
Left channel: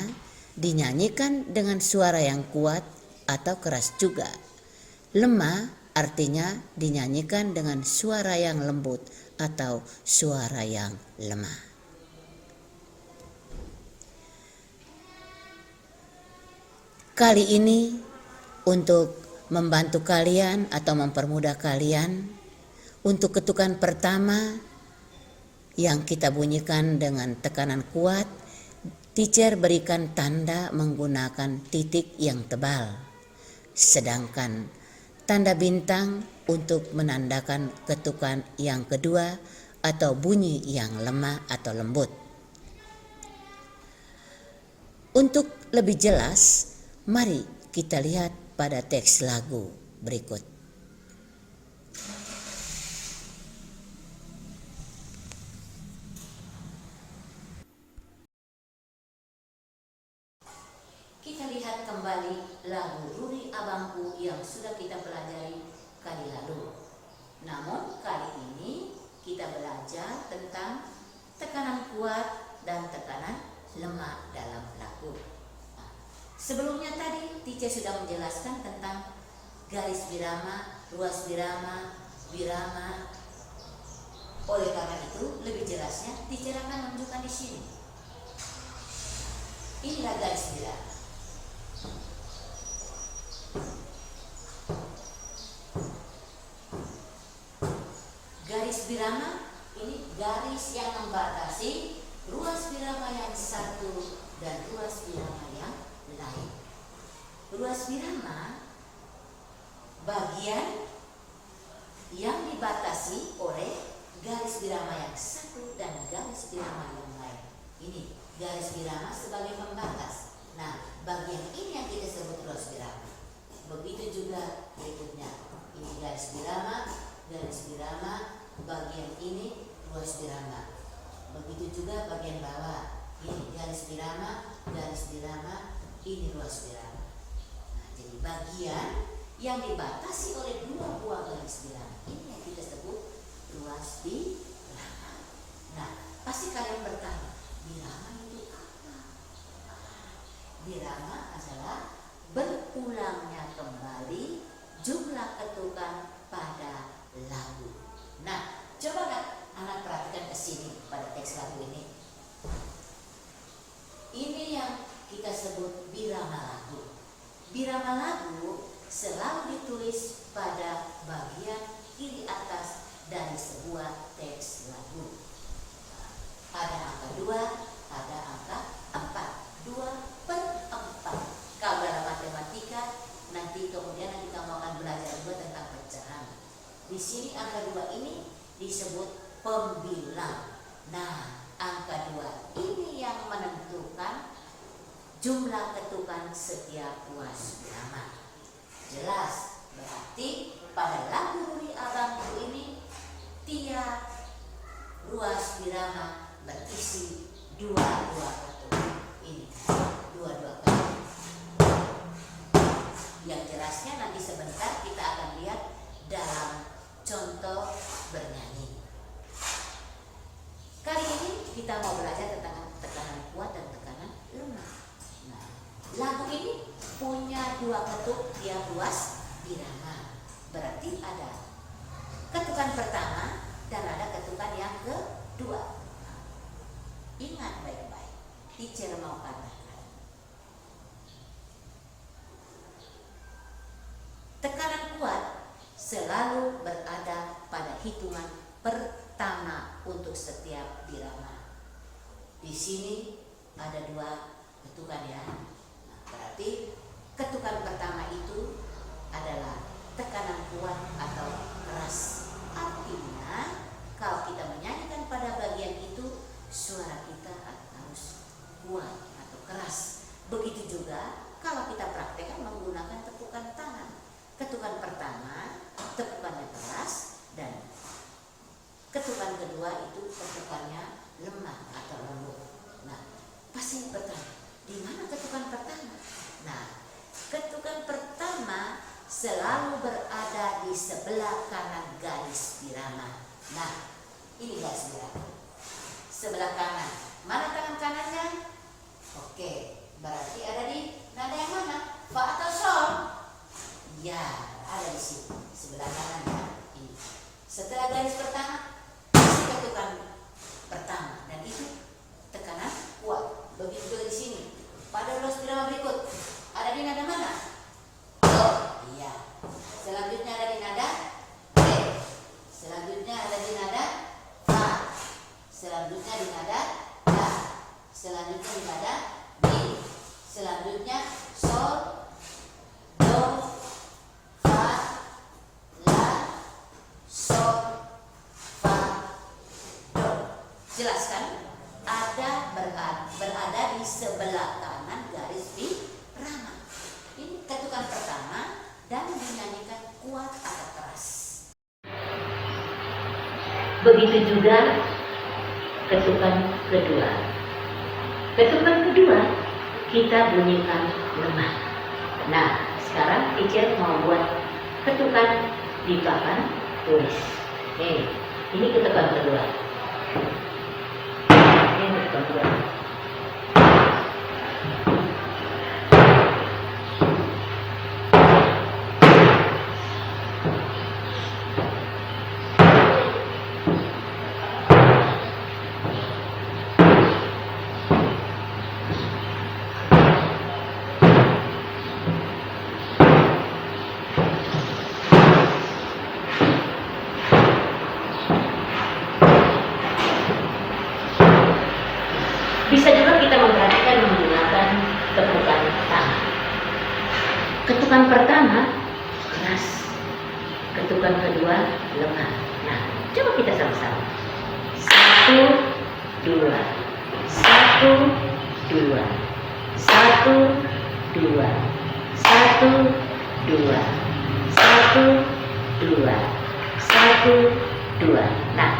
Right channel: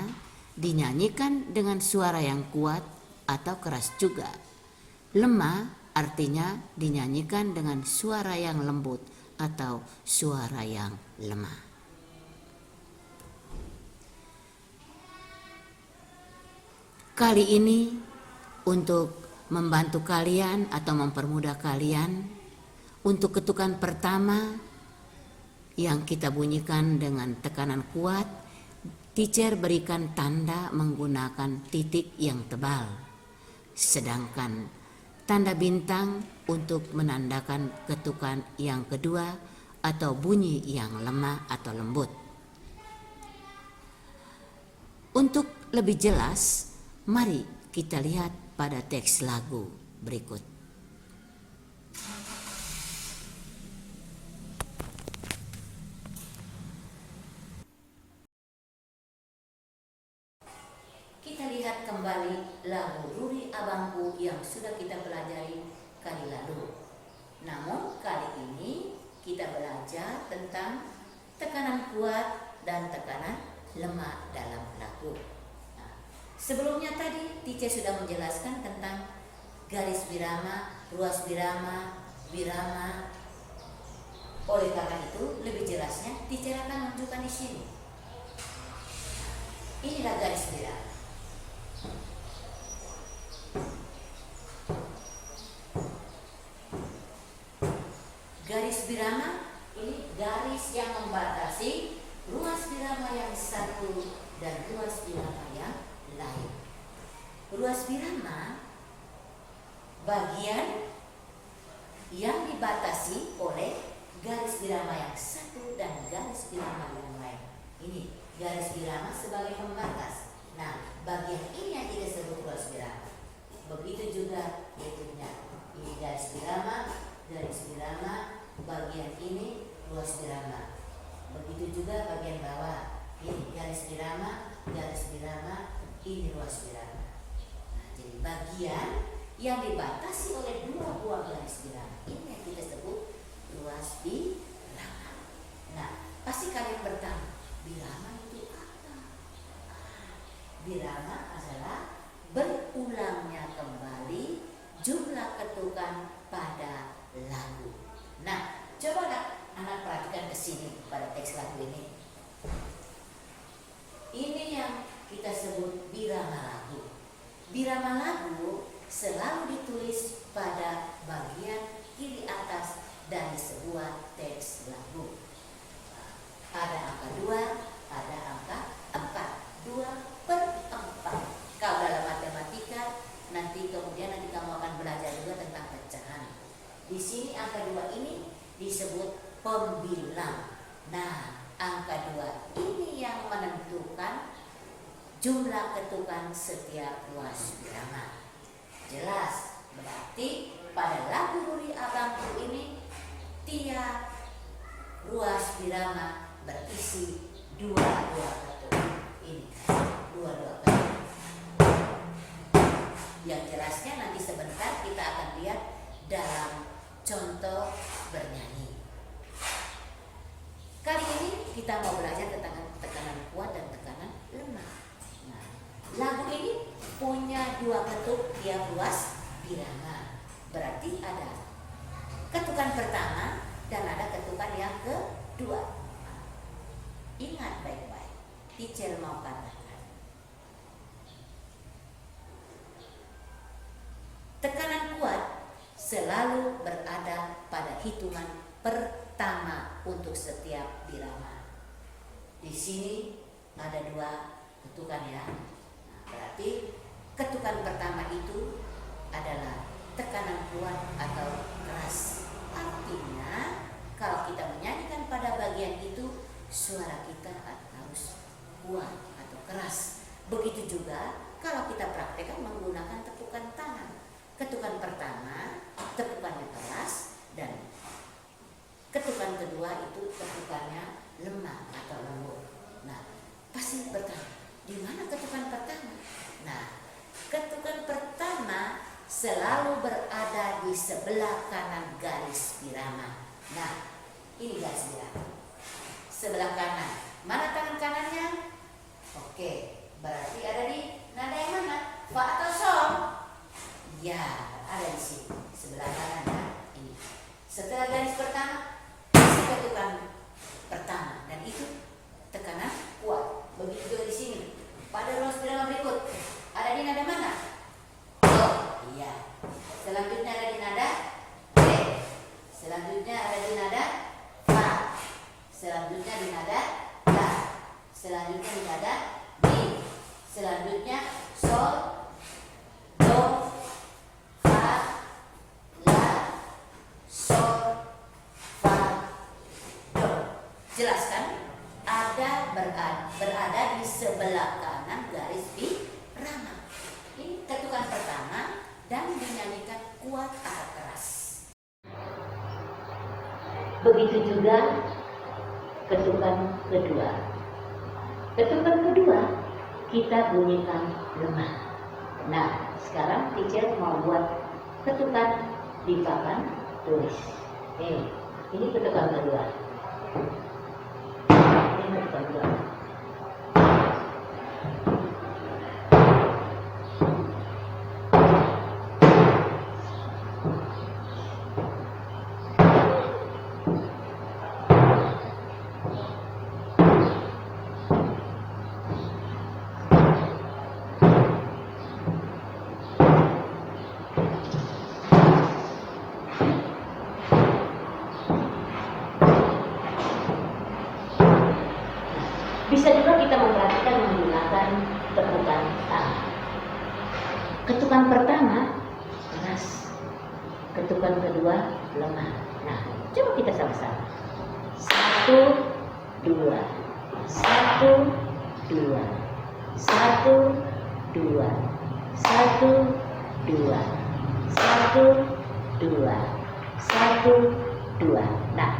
dinyanyikan dengan suara yang kuat atau keras juga. Lemah artinya dinyanyikan dengan suara yang lembut atau suara yang lemah. Kali ini untuk membantu kalian atau mempermudah kalian, untuk ketukan pertama yang kita bunyikan dengan tekanan kuat, teacher berikan tanda menggunakan titik yang tebal. Sedangkan tanda bintang untuk menandakan ketukan yang kedua atau bunyi yang lemah atau lembut. Untuk lebih jelas, mari kita lihat pada teks lagu berikut. Kita lihat kembali lagu Ruri Abangku yang sudah kita pelajari kali lalu. Namun kali ini kita belajar tentang tekanan kuat dan tekanan lemah dalam lagu. Nah, sebelumnya tadi teacher sudah menjelaskan tentang garis birama, ruas birama, birama. Oleh karena itu lebih jelasnya teacher akan menunjukkan di sini. Inilah garis birama. Garis birama ini garis yang membatasi ruas birama yang satu dan ruas birama yang lain. Ruas birama bagian yang dibatasi oleh garis birama yang satu dan garis birama yang lain. Ini garis birama sebagai pembatas. Nah, bagian ini yang kita sebut ruas birama. Begitu juga berikutnya. Ini garis birama, bagian ini ruas birama. Begitu juga bagian bawah. Ini garis birama, ini ruas birama. Nah, jadi bagian yang dibatasi oleh dua buah garis birama ini yang kita sebut ruas birama. Nah, pasti kalian bertanya, birama itu apa? Birama adalah berulangnya kembali jumlah ketukan pada lagu. Nah, coba anak perhatikan ke sini pada teks lagu ini. Ini yang kita sebut birama lagu. Birama lagu selalu ditulis pada bagian kiri atas dari sebuah teks lagu. Ada angka 2, ada angka 4. 2/4. Kalau dalam matematika nanti kemudian kamu akan belajar juga tentang pecahan. Di sini angka 2 ini disebut pembilang. Nah, angka 2 ini yang menentukan jumlah ketukan setiap ruas birama. Jelas, berarti pada lagu Ruri Abangku ini tiap ruas birama berisi 2 ketuk. Ini 2 ketuk. Yang jelasnya nanti sebentar kita akan lihat dalam contoh bernyanyi. Kali ini kita mau belajar tentang tekanan kuat dan tekanan lemah. Nah, lagu ini punya 2 ketuk tiap ruas irama. Berarti ada ketukan pertama dan ada ketukan yang kedua. Ingat baik-baik, teacher mau katakan. Tekanan kuat selalu berada pada hitungan pertama untuk setiap birama. Di sini ada 2 ketukan ya. Nah, berarti ketukan pertama itu adalah tekanan kuat atau keras. Artinya kalau kita menyanyikan pada bagian itu suara kita harus kuat atau keras. Begitu juga kalau kita praktekkan menggunakan tepukan tangan. Ketukan pertama tepukannya keras dan ketukan kedua itu tepukannya lemah atau lembut. Nah, pasti bertanya, di mana ketukan pertama? Nah, ketukan pertama selalu berada di sebelah kanan garis birama. Nah, ini garis birama. Sebelah kanan. Mana tangan kanannya? Oke, berarti ada di nada yang mana? Fa atau sol? Ya, ada di sini. Sebelah kanan ya. Ini. Setelah garis pertama, ketukan pertama dan itu tekanan kuat. Begitu juga di sini. Pada ruas birama berikut ada di nada mana? Oh, iya. Selanjutnya ada di nada re. Selanjutnya ada di nada fa. Selanjutnya di nada la. Selanjutnya di nada mi. Selanjutnya sol, do, fa, la, sol, fa, do. Jelaskan? Ada berada di sebelah kanan garis birama. Ini ketukan pertama dan dinyanyikan kuat atau keras. Begitu juga ketukan kedua. Ketukan kedua kita bunyikan lemah. Nah, sekarang teacher mau buat ketukan di papan tulis. Ini ketukan kedua. Ini ketukan kedua. Bisa juga kita memperhatikan menggunakan tepukan tangan. Ketukan pertama keras, ketukan kedua lemah. Nah, coba kita sama-sama. 1, 2, 1, 2, 1, 2, 1, 2, 1, 2, 1, 2. Nah,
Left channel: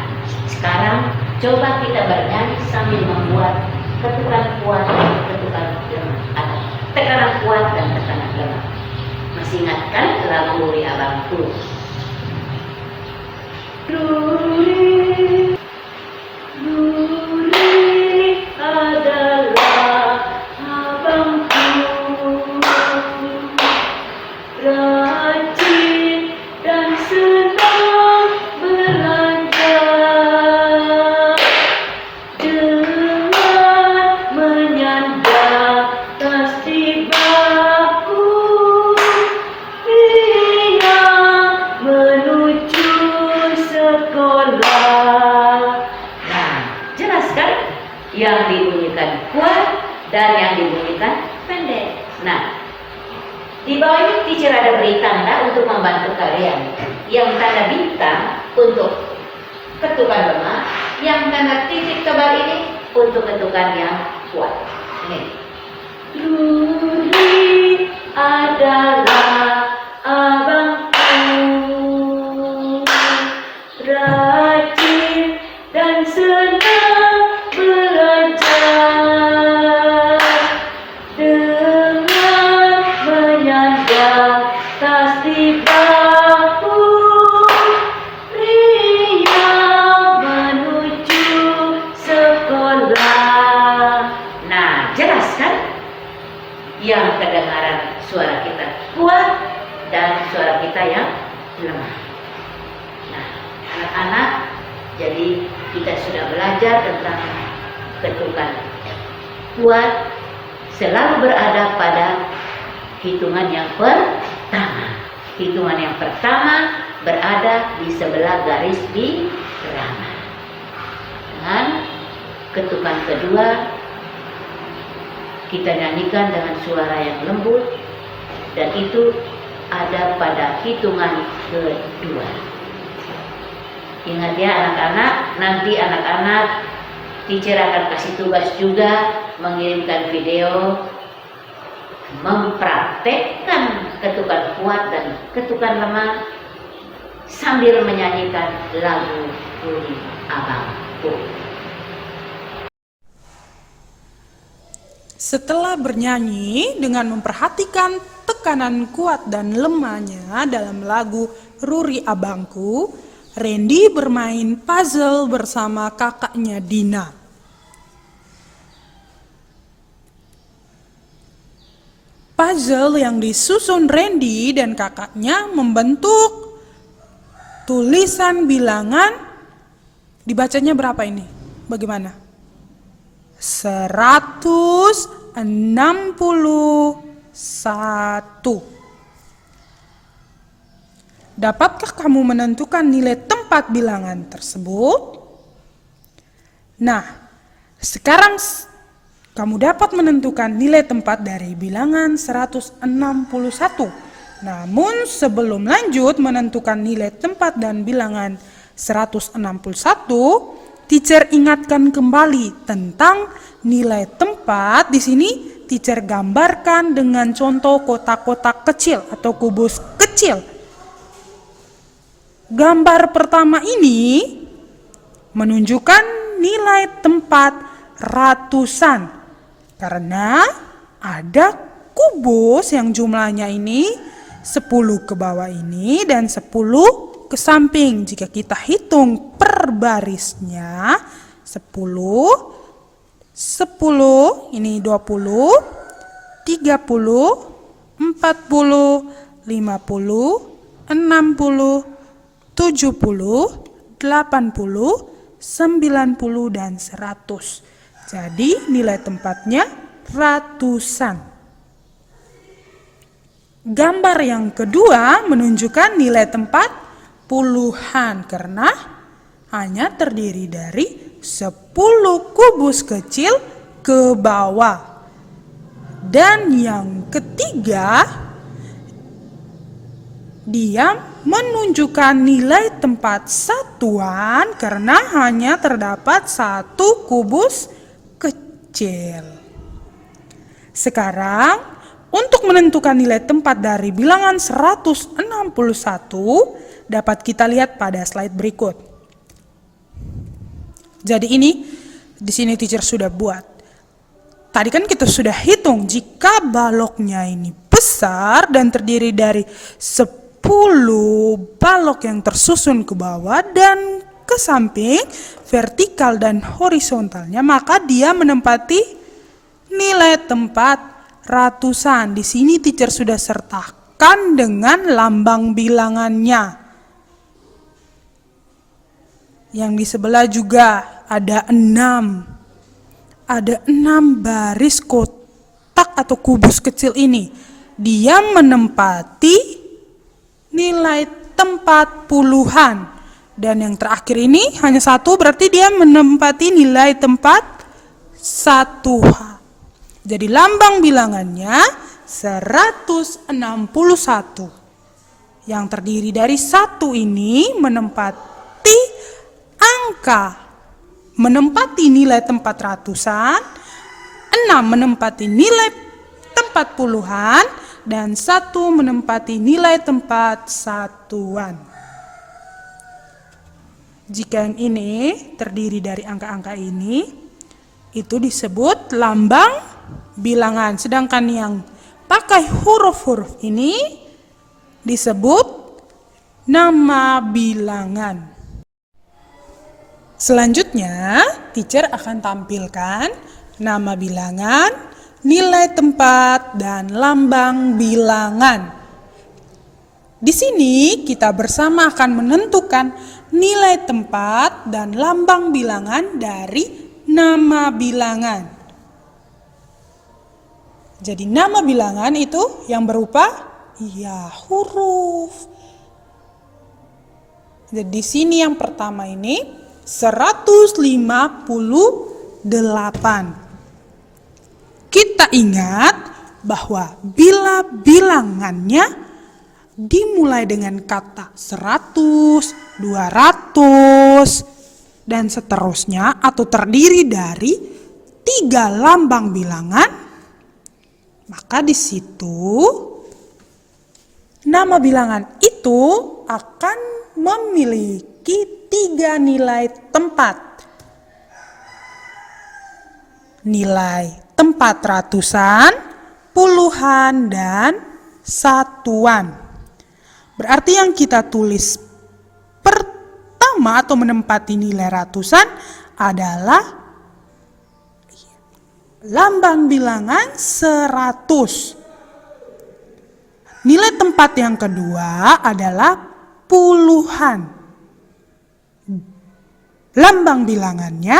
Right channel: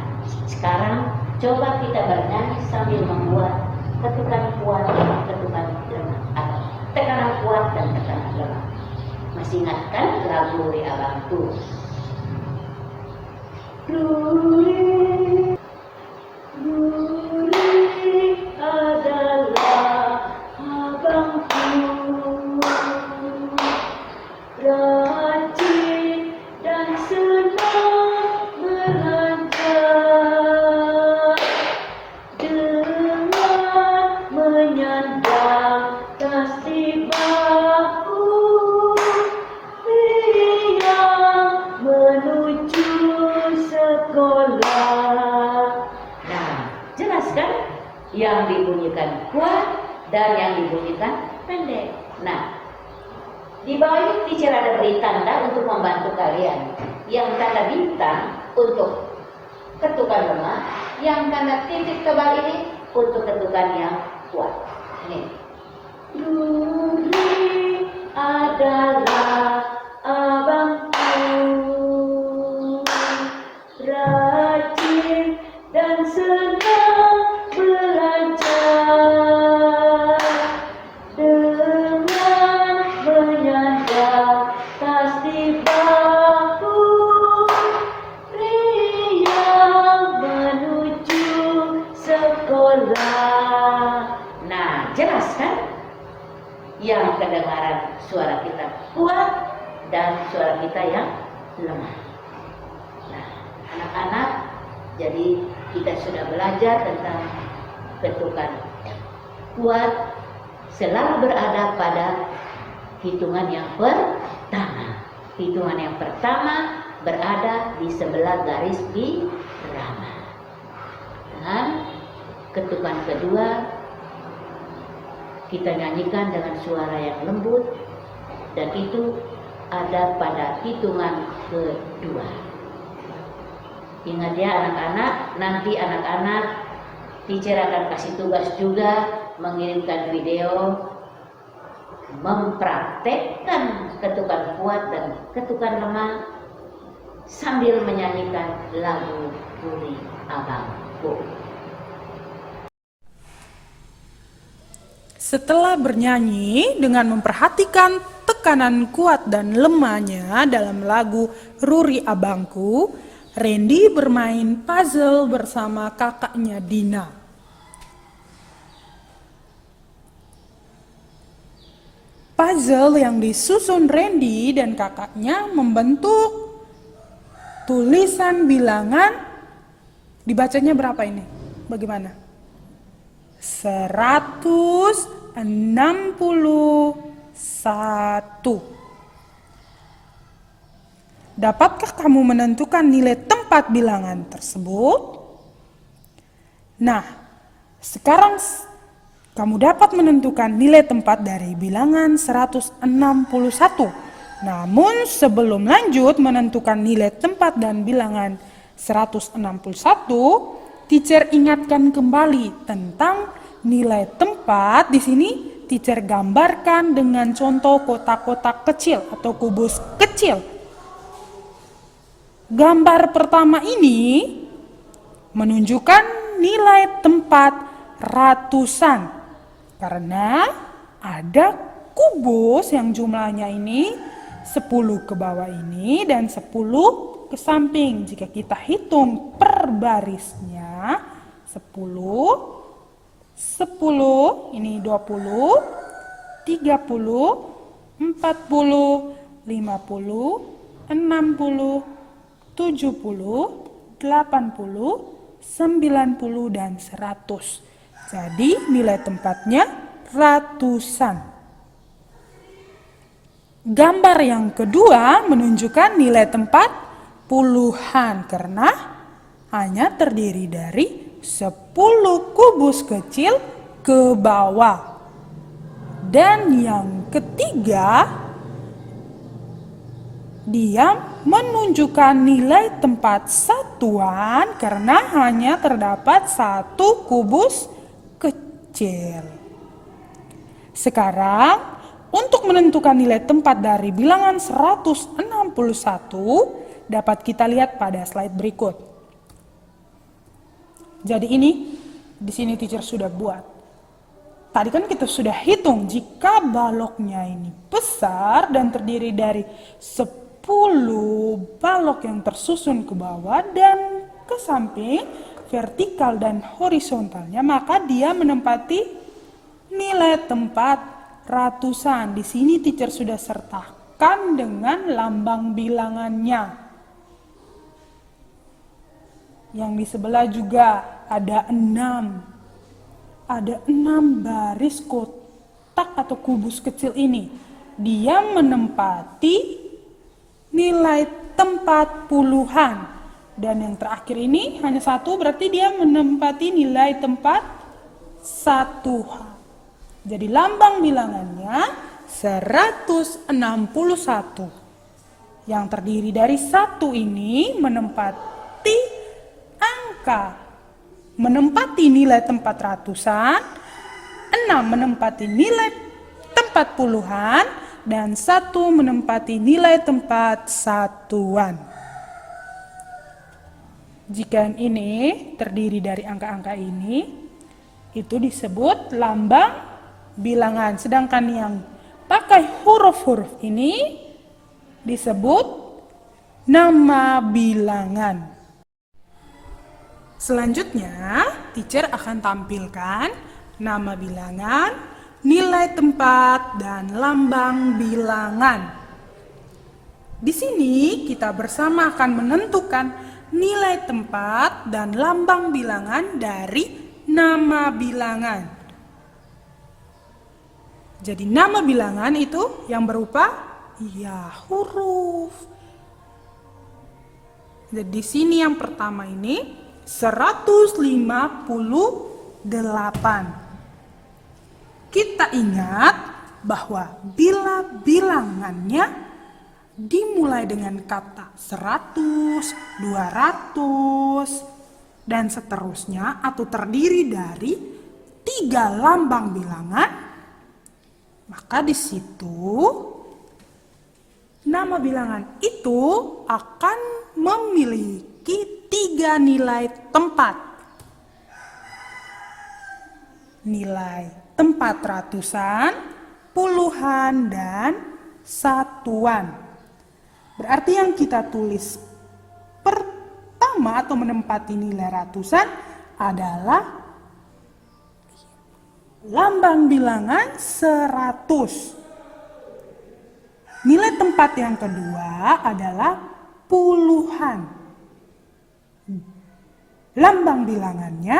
sekarang coba kita bernyanyi sambil membuat ketukan kuat dan ketukan lemah atau tekanan kuat dan tekanan lemah. Masih ingat kan lagu Ruri Abangku? Ruri, Ruri adalah abangku, rajin dan senang belanja. Dengan dan yang dibunyikan pendek. Nah, di bawah ini teacher ada beri tanda untuk membantu kalian. Yang tanda bintang untuk ketukan lemah, yang tanda titik tebal ini untuk ketukan yang kuat. Ini. Ruri adalah abangku, rajin dan senang belajar, dengan menyandang tas di bahu, riang menuju sekolah. Nah, jelas kan? Yang kedengaran suara kita kuat dan suara kita yang lemah. Nah, anak-anak, jadi kita sudah belajar tentang ketukan kuat selalu berada pada hitungan yang pertama. Hitungan yang pertama berada di sebelah garis birama. Dan ketukan kedua kita nyanyikan dengan suara yang lembut, dan itu ada pada hitungan kedua. Ingat ya anak-anak, nanti anak-anak teacher akan kasih tugas juga mengirimkan video mempraktekkan ketukan kuat dan ketukan lemah sambil menyanyikan lagu Ruri Abangku. Setelah bernyanyi dengan memperhatikan tekanan kuat dan lemahnya dalam lagu Ruri Abangku, Randy bermain puzzle bersama kakaknya Dina. Puzzle yang disusun Randy dan kakaknya membentuk tulisan bilangan. Dibacanya berapa ini? Bagaimana? 161. Dapatkah kamu menentukan nilai tempat bilangan tersebut? Nah, sekarang kamu dapat menentukan nilai tempat dari bilangan 161. Namun sebelum lanjut menentukan nilai tempat dan bilangan 161, teacher ingatkan kembali tentang nilai tempat. Di sini teacher gambarkan dengan contoh kotak-kotak kecil atau kubus kecil. Gambar pertama ini menunjukkan nilai tempat ratusan karena ada kubus yang jumlahnya ini 10 ke bawah ini dan 10 ke samping. Jika kita hitung per barisnya 10, 10, ini 20, 30, 40, 50, 60, 70, 80, 90, dan 100. Jadi nilai tempatnya ratusan. Gambar yang kedua menunjukkan nilai tempat puluhan karena hanya terdiri dari 10 kubus kecil ke bawah. Dan yang ketiga, dia menunjukkan nilai tempat satuan karena hanya terdapat 1 kubus kecil. Sekarang, untuk menentukan nilai tempat dari bilangan 161, dapat kita lihat pada slide berikut. Jadi di sini teacher sudah buat. Tadi kan kita sudah hitung jika baloknya ini besar dan terdiri dari 10 balok yang tersusun ke bawah dan ke samping, vertikal dan horizontalnya, maka dia menempati nilai tempat ratusan. Di sini teacher sudah sertakan dengan lambang bilangannya. Yang di sebelah juga ada 6. Ada 6 baris kotak atau kubus kecil ini. Dia menempati nilai tempat puluhan. Dan yang terakhir ini hanya 1, berarti dia menempati nilai tempat satuan. Jadi lambang bilangannya 161. Yang terdiri dari 1 ini menempati nilai tempat ratusan, 6 menempati nilai tempat puluhan, dan 1 menempati nilai tempat satuan. Jika yang ini terdiri dari angka-angka ini, itu disebut lambang bilangan. Sedangkan yang pakai huruf-huruf ini disebut nama bilangan. Selanjutnya, teacher akan tampilkan nama bilangan, nilai tempat, dan lambang bilangan. Di sini kita bersama akan menentukan nilai tempat dan lambang bilangan dari nama bilangan. Jadi nama bilangan itu yang berupa huruf. Jadi di sini yang pertama ini 158. Kita ingat bahwa bila bilangannya dimulai dengan kata 100, 200, dan seterusnya atau terdiri dari 3 lambang bilangan, maka di situ nama bilangan itu akan memiliki 3 nilai tempat. Nilai tempat ratusan, puluhan, dan satuan. Berarti yang kita tulis pertama atau menempati nilai ratusan adalah lambang bilangan 100. Nilai tempat yang kedua adalah puluhan. Lambang bilangannya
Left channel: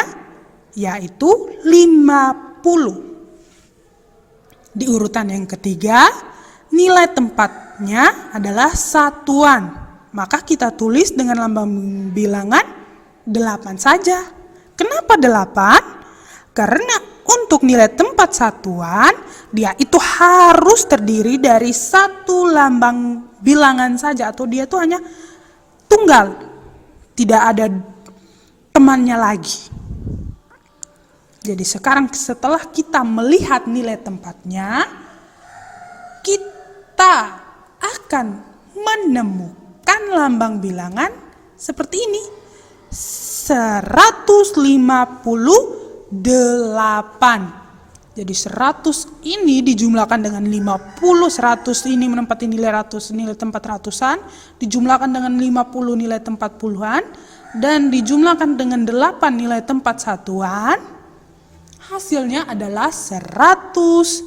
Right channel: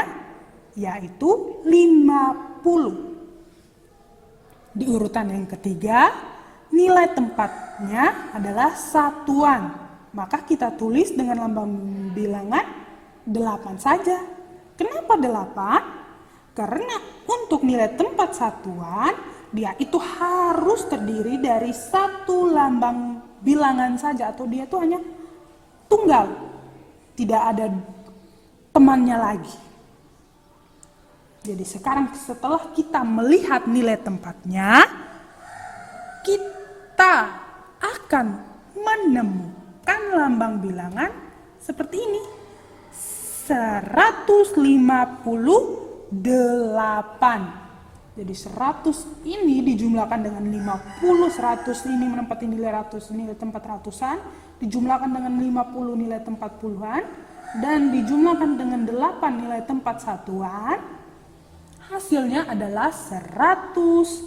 yaitu 50. Di urutan yang ketiga, nilai tempatnya adalah satuan. Maka kita tulis dengan lambang bilangan 8 saja. Kenapa 8? Karena untuk nilai tempat satuan, dia itu harus terdiri dari 1 lambang bilangan saja, atau dia itu hanya tunggal, tidak ada temannya lagi. Jadi sekarang setelah kita melihat nilai tempatnya, kita akan menemukan lambang bilangan seperti ini. 158. Jadi 100 ini dijumlahkan dengan 50, 100 ini menempati nilai tempat ratusan, dijumlahkan dengan 50 nilai tempat puluhan, dan dijumlahkan dengan 8 nilai tempat satuan, hasilnya adalah 158.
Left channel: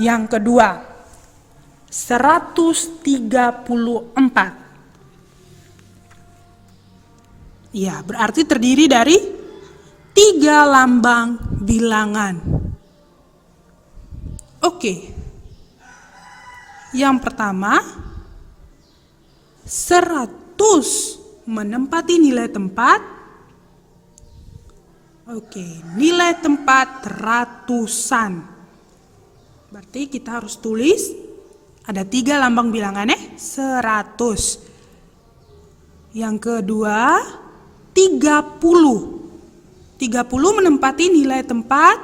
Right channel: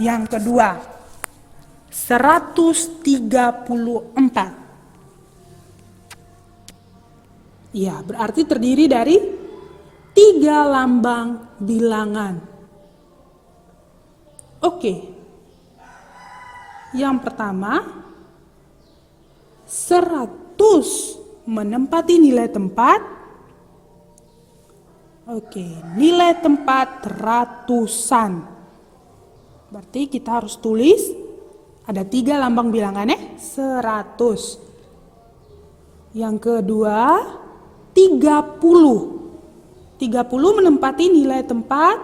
Yang kedua, 134. Ya, berarti terdiri dari 3 lambang bilangan. Oke. Yang pertama, 100 menempati nilai tempat. Oke, nilai tempat ratusan. Berarti kita harus tulis ada 3 lambang bilangannya 100. Yang kedua, 30. 30 menempati nilai tempat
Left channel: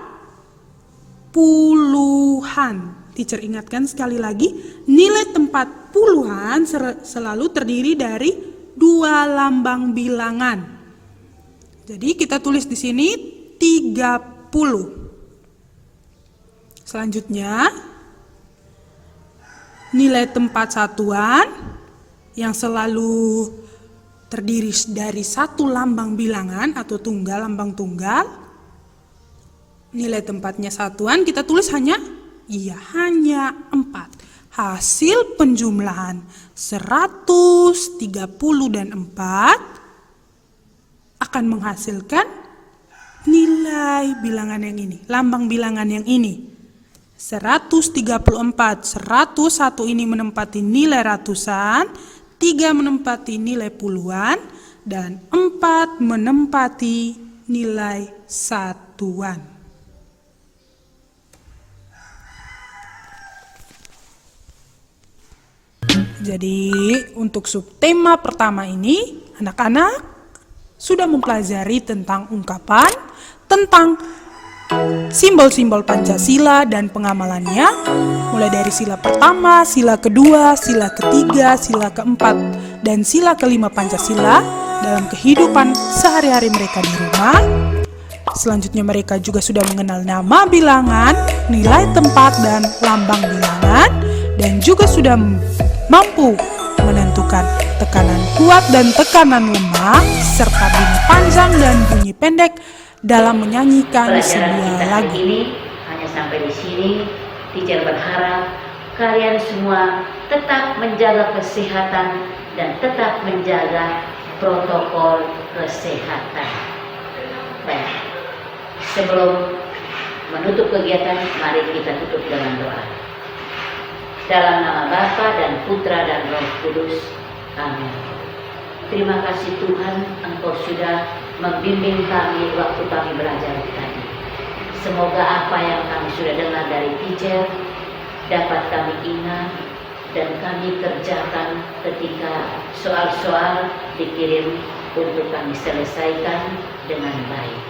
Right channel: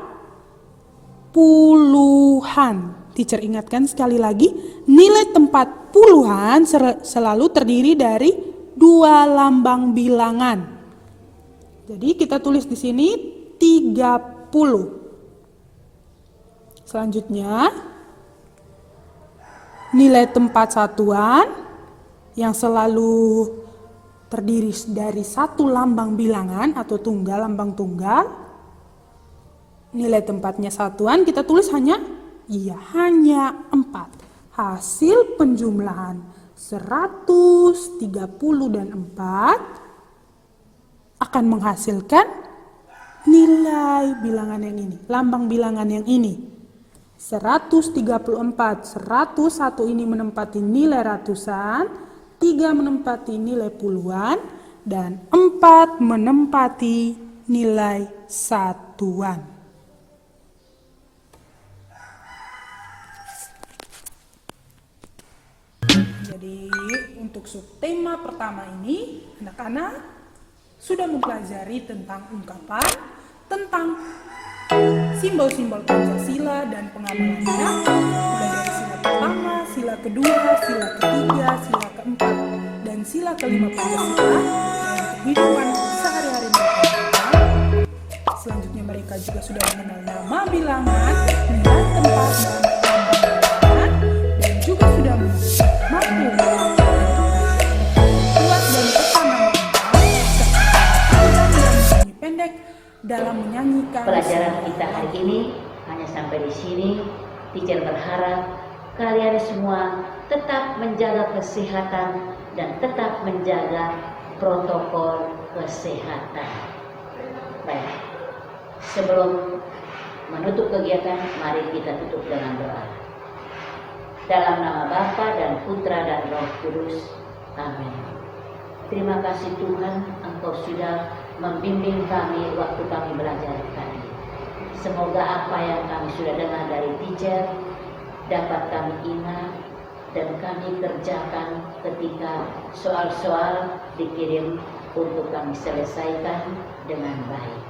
puluhan. Teacher ingatkan sekali lagi, nilai tempat puluhan selalu terdiri dari 2 lambang bilangan. Jadi kita tulis di sini 30. Selanjutnya, nilai tempat satuan yang selalu terdiri dari 1 lambang bilangan atau lambang tunggal. Nilai tempatnya satuan kita tulis hanya 4. Hasil penjumlahan 130 dan 4 akan menghasilkan nilai bilangan yang ini, lambang bilangan yang ini. 134, 101 ini menempati nilai ratusan, 3 menempati nilai puluhan, dan 4 menempati nilai satuan. Jadi untuk subtema pertama ini, anak-anak sudah mempelajari tentang ungkapan, tentang simbol-simbol Pancasila dan pengamalannya, mulai dari sila pertama, sila kedua, sila ketiga, sila keempat, dan sila kelima Pancasila dalam kehidupan sehari-hari mereka di rumah. Selanjutnya mereka juga sudah mengenal nama bilangan, nilai tempat, dan lambang bilangan, dan juga sudah mampu menentukan tekanan kuat dan tekanan lemah, serta bunyi panjang dan bunyi pendek dalam menyanyikan Pelajaran sebuah kita hari lagu. ini hanya sampai di sini. Teacher berharap kalian semua tetap menjaga kesehatan dan tetap menjaga protokol kesehatan. Baik, sebelum menutup kegiatan, mari kita tutup dengan doa. Dalam nama Bapa dan Putra dan Roh Kudus. Amin. Terima kasih Tuhan, Engkau sudah membimbing kami waktu kami belajar tadi. Semoga apa yang kami sudah dengar dari teacher dapat kami ingat dan kami kerjakan ketika soal-soal dikirim untuk kami selesaikan dengan baik.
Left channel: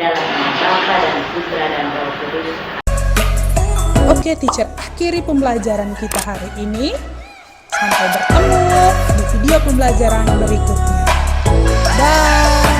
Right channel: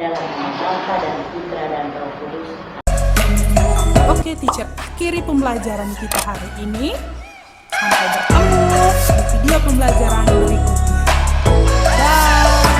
Dalam nama Bapa dan Putra dan Roh Kudus. Oke, teacher, akhiri pembelajaran kita hari ini. Sampai bertemu di video pembelajaran berikutnya. Bye.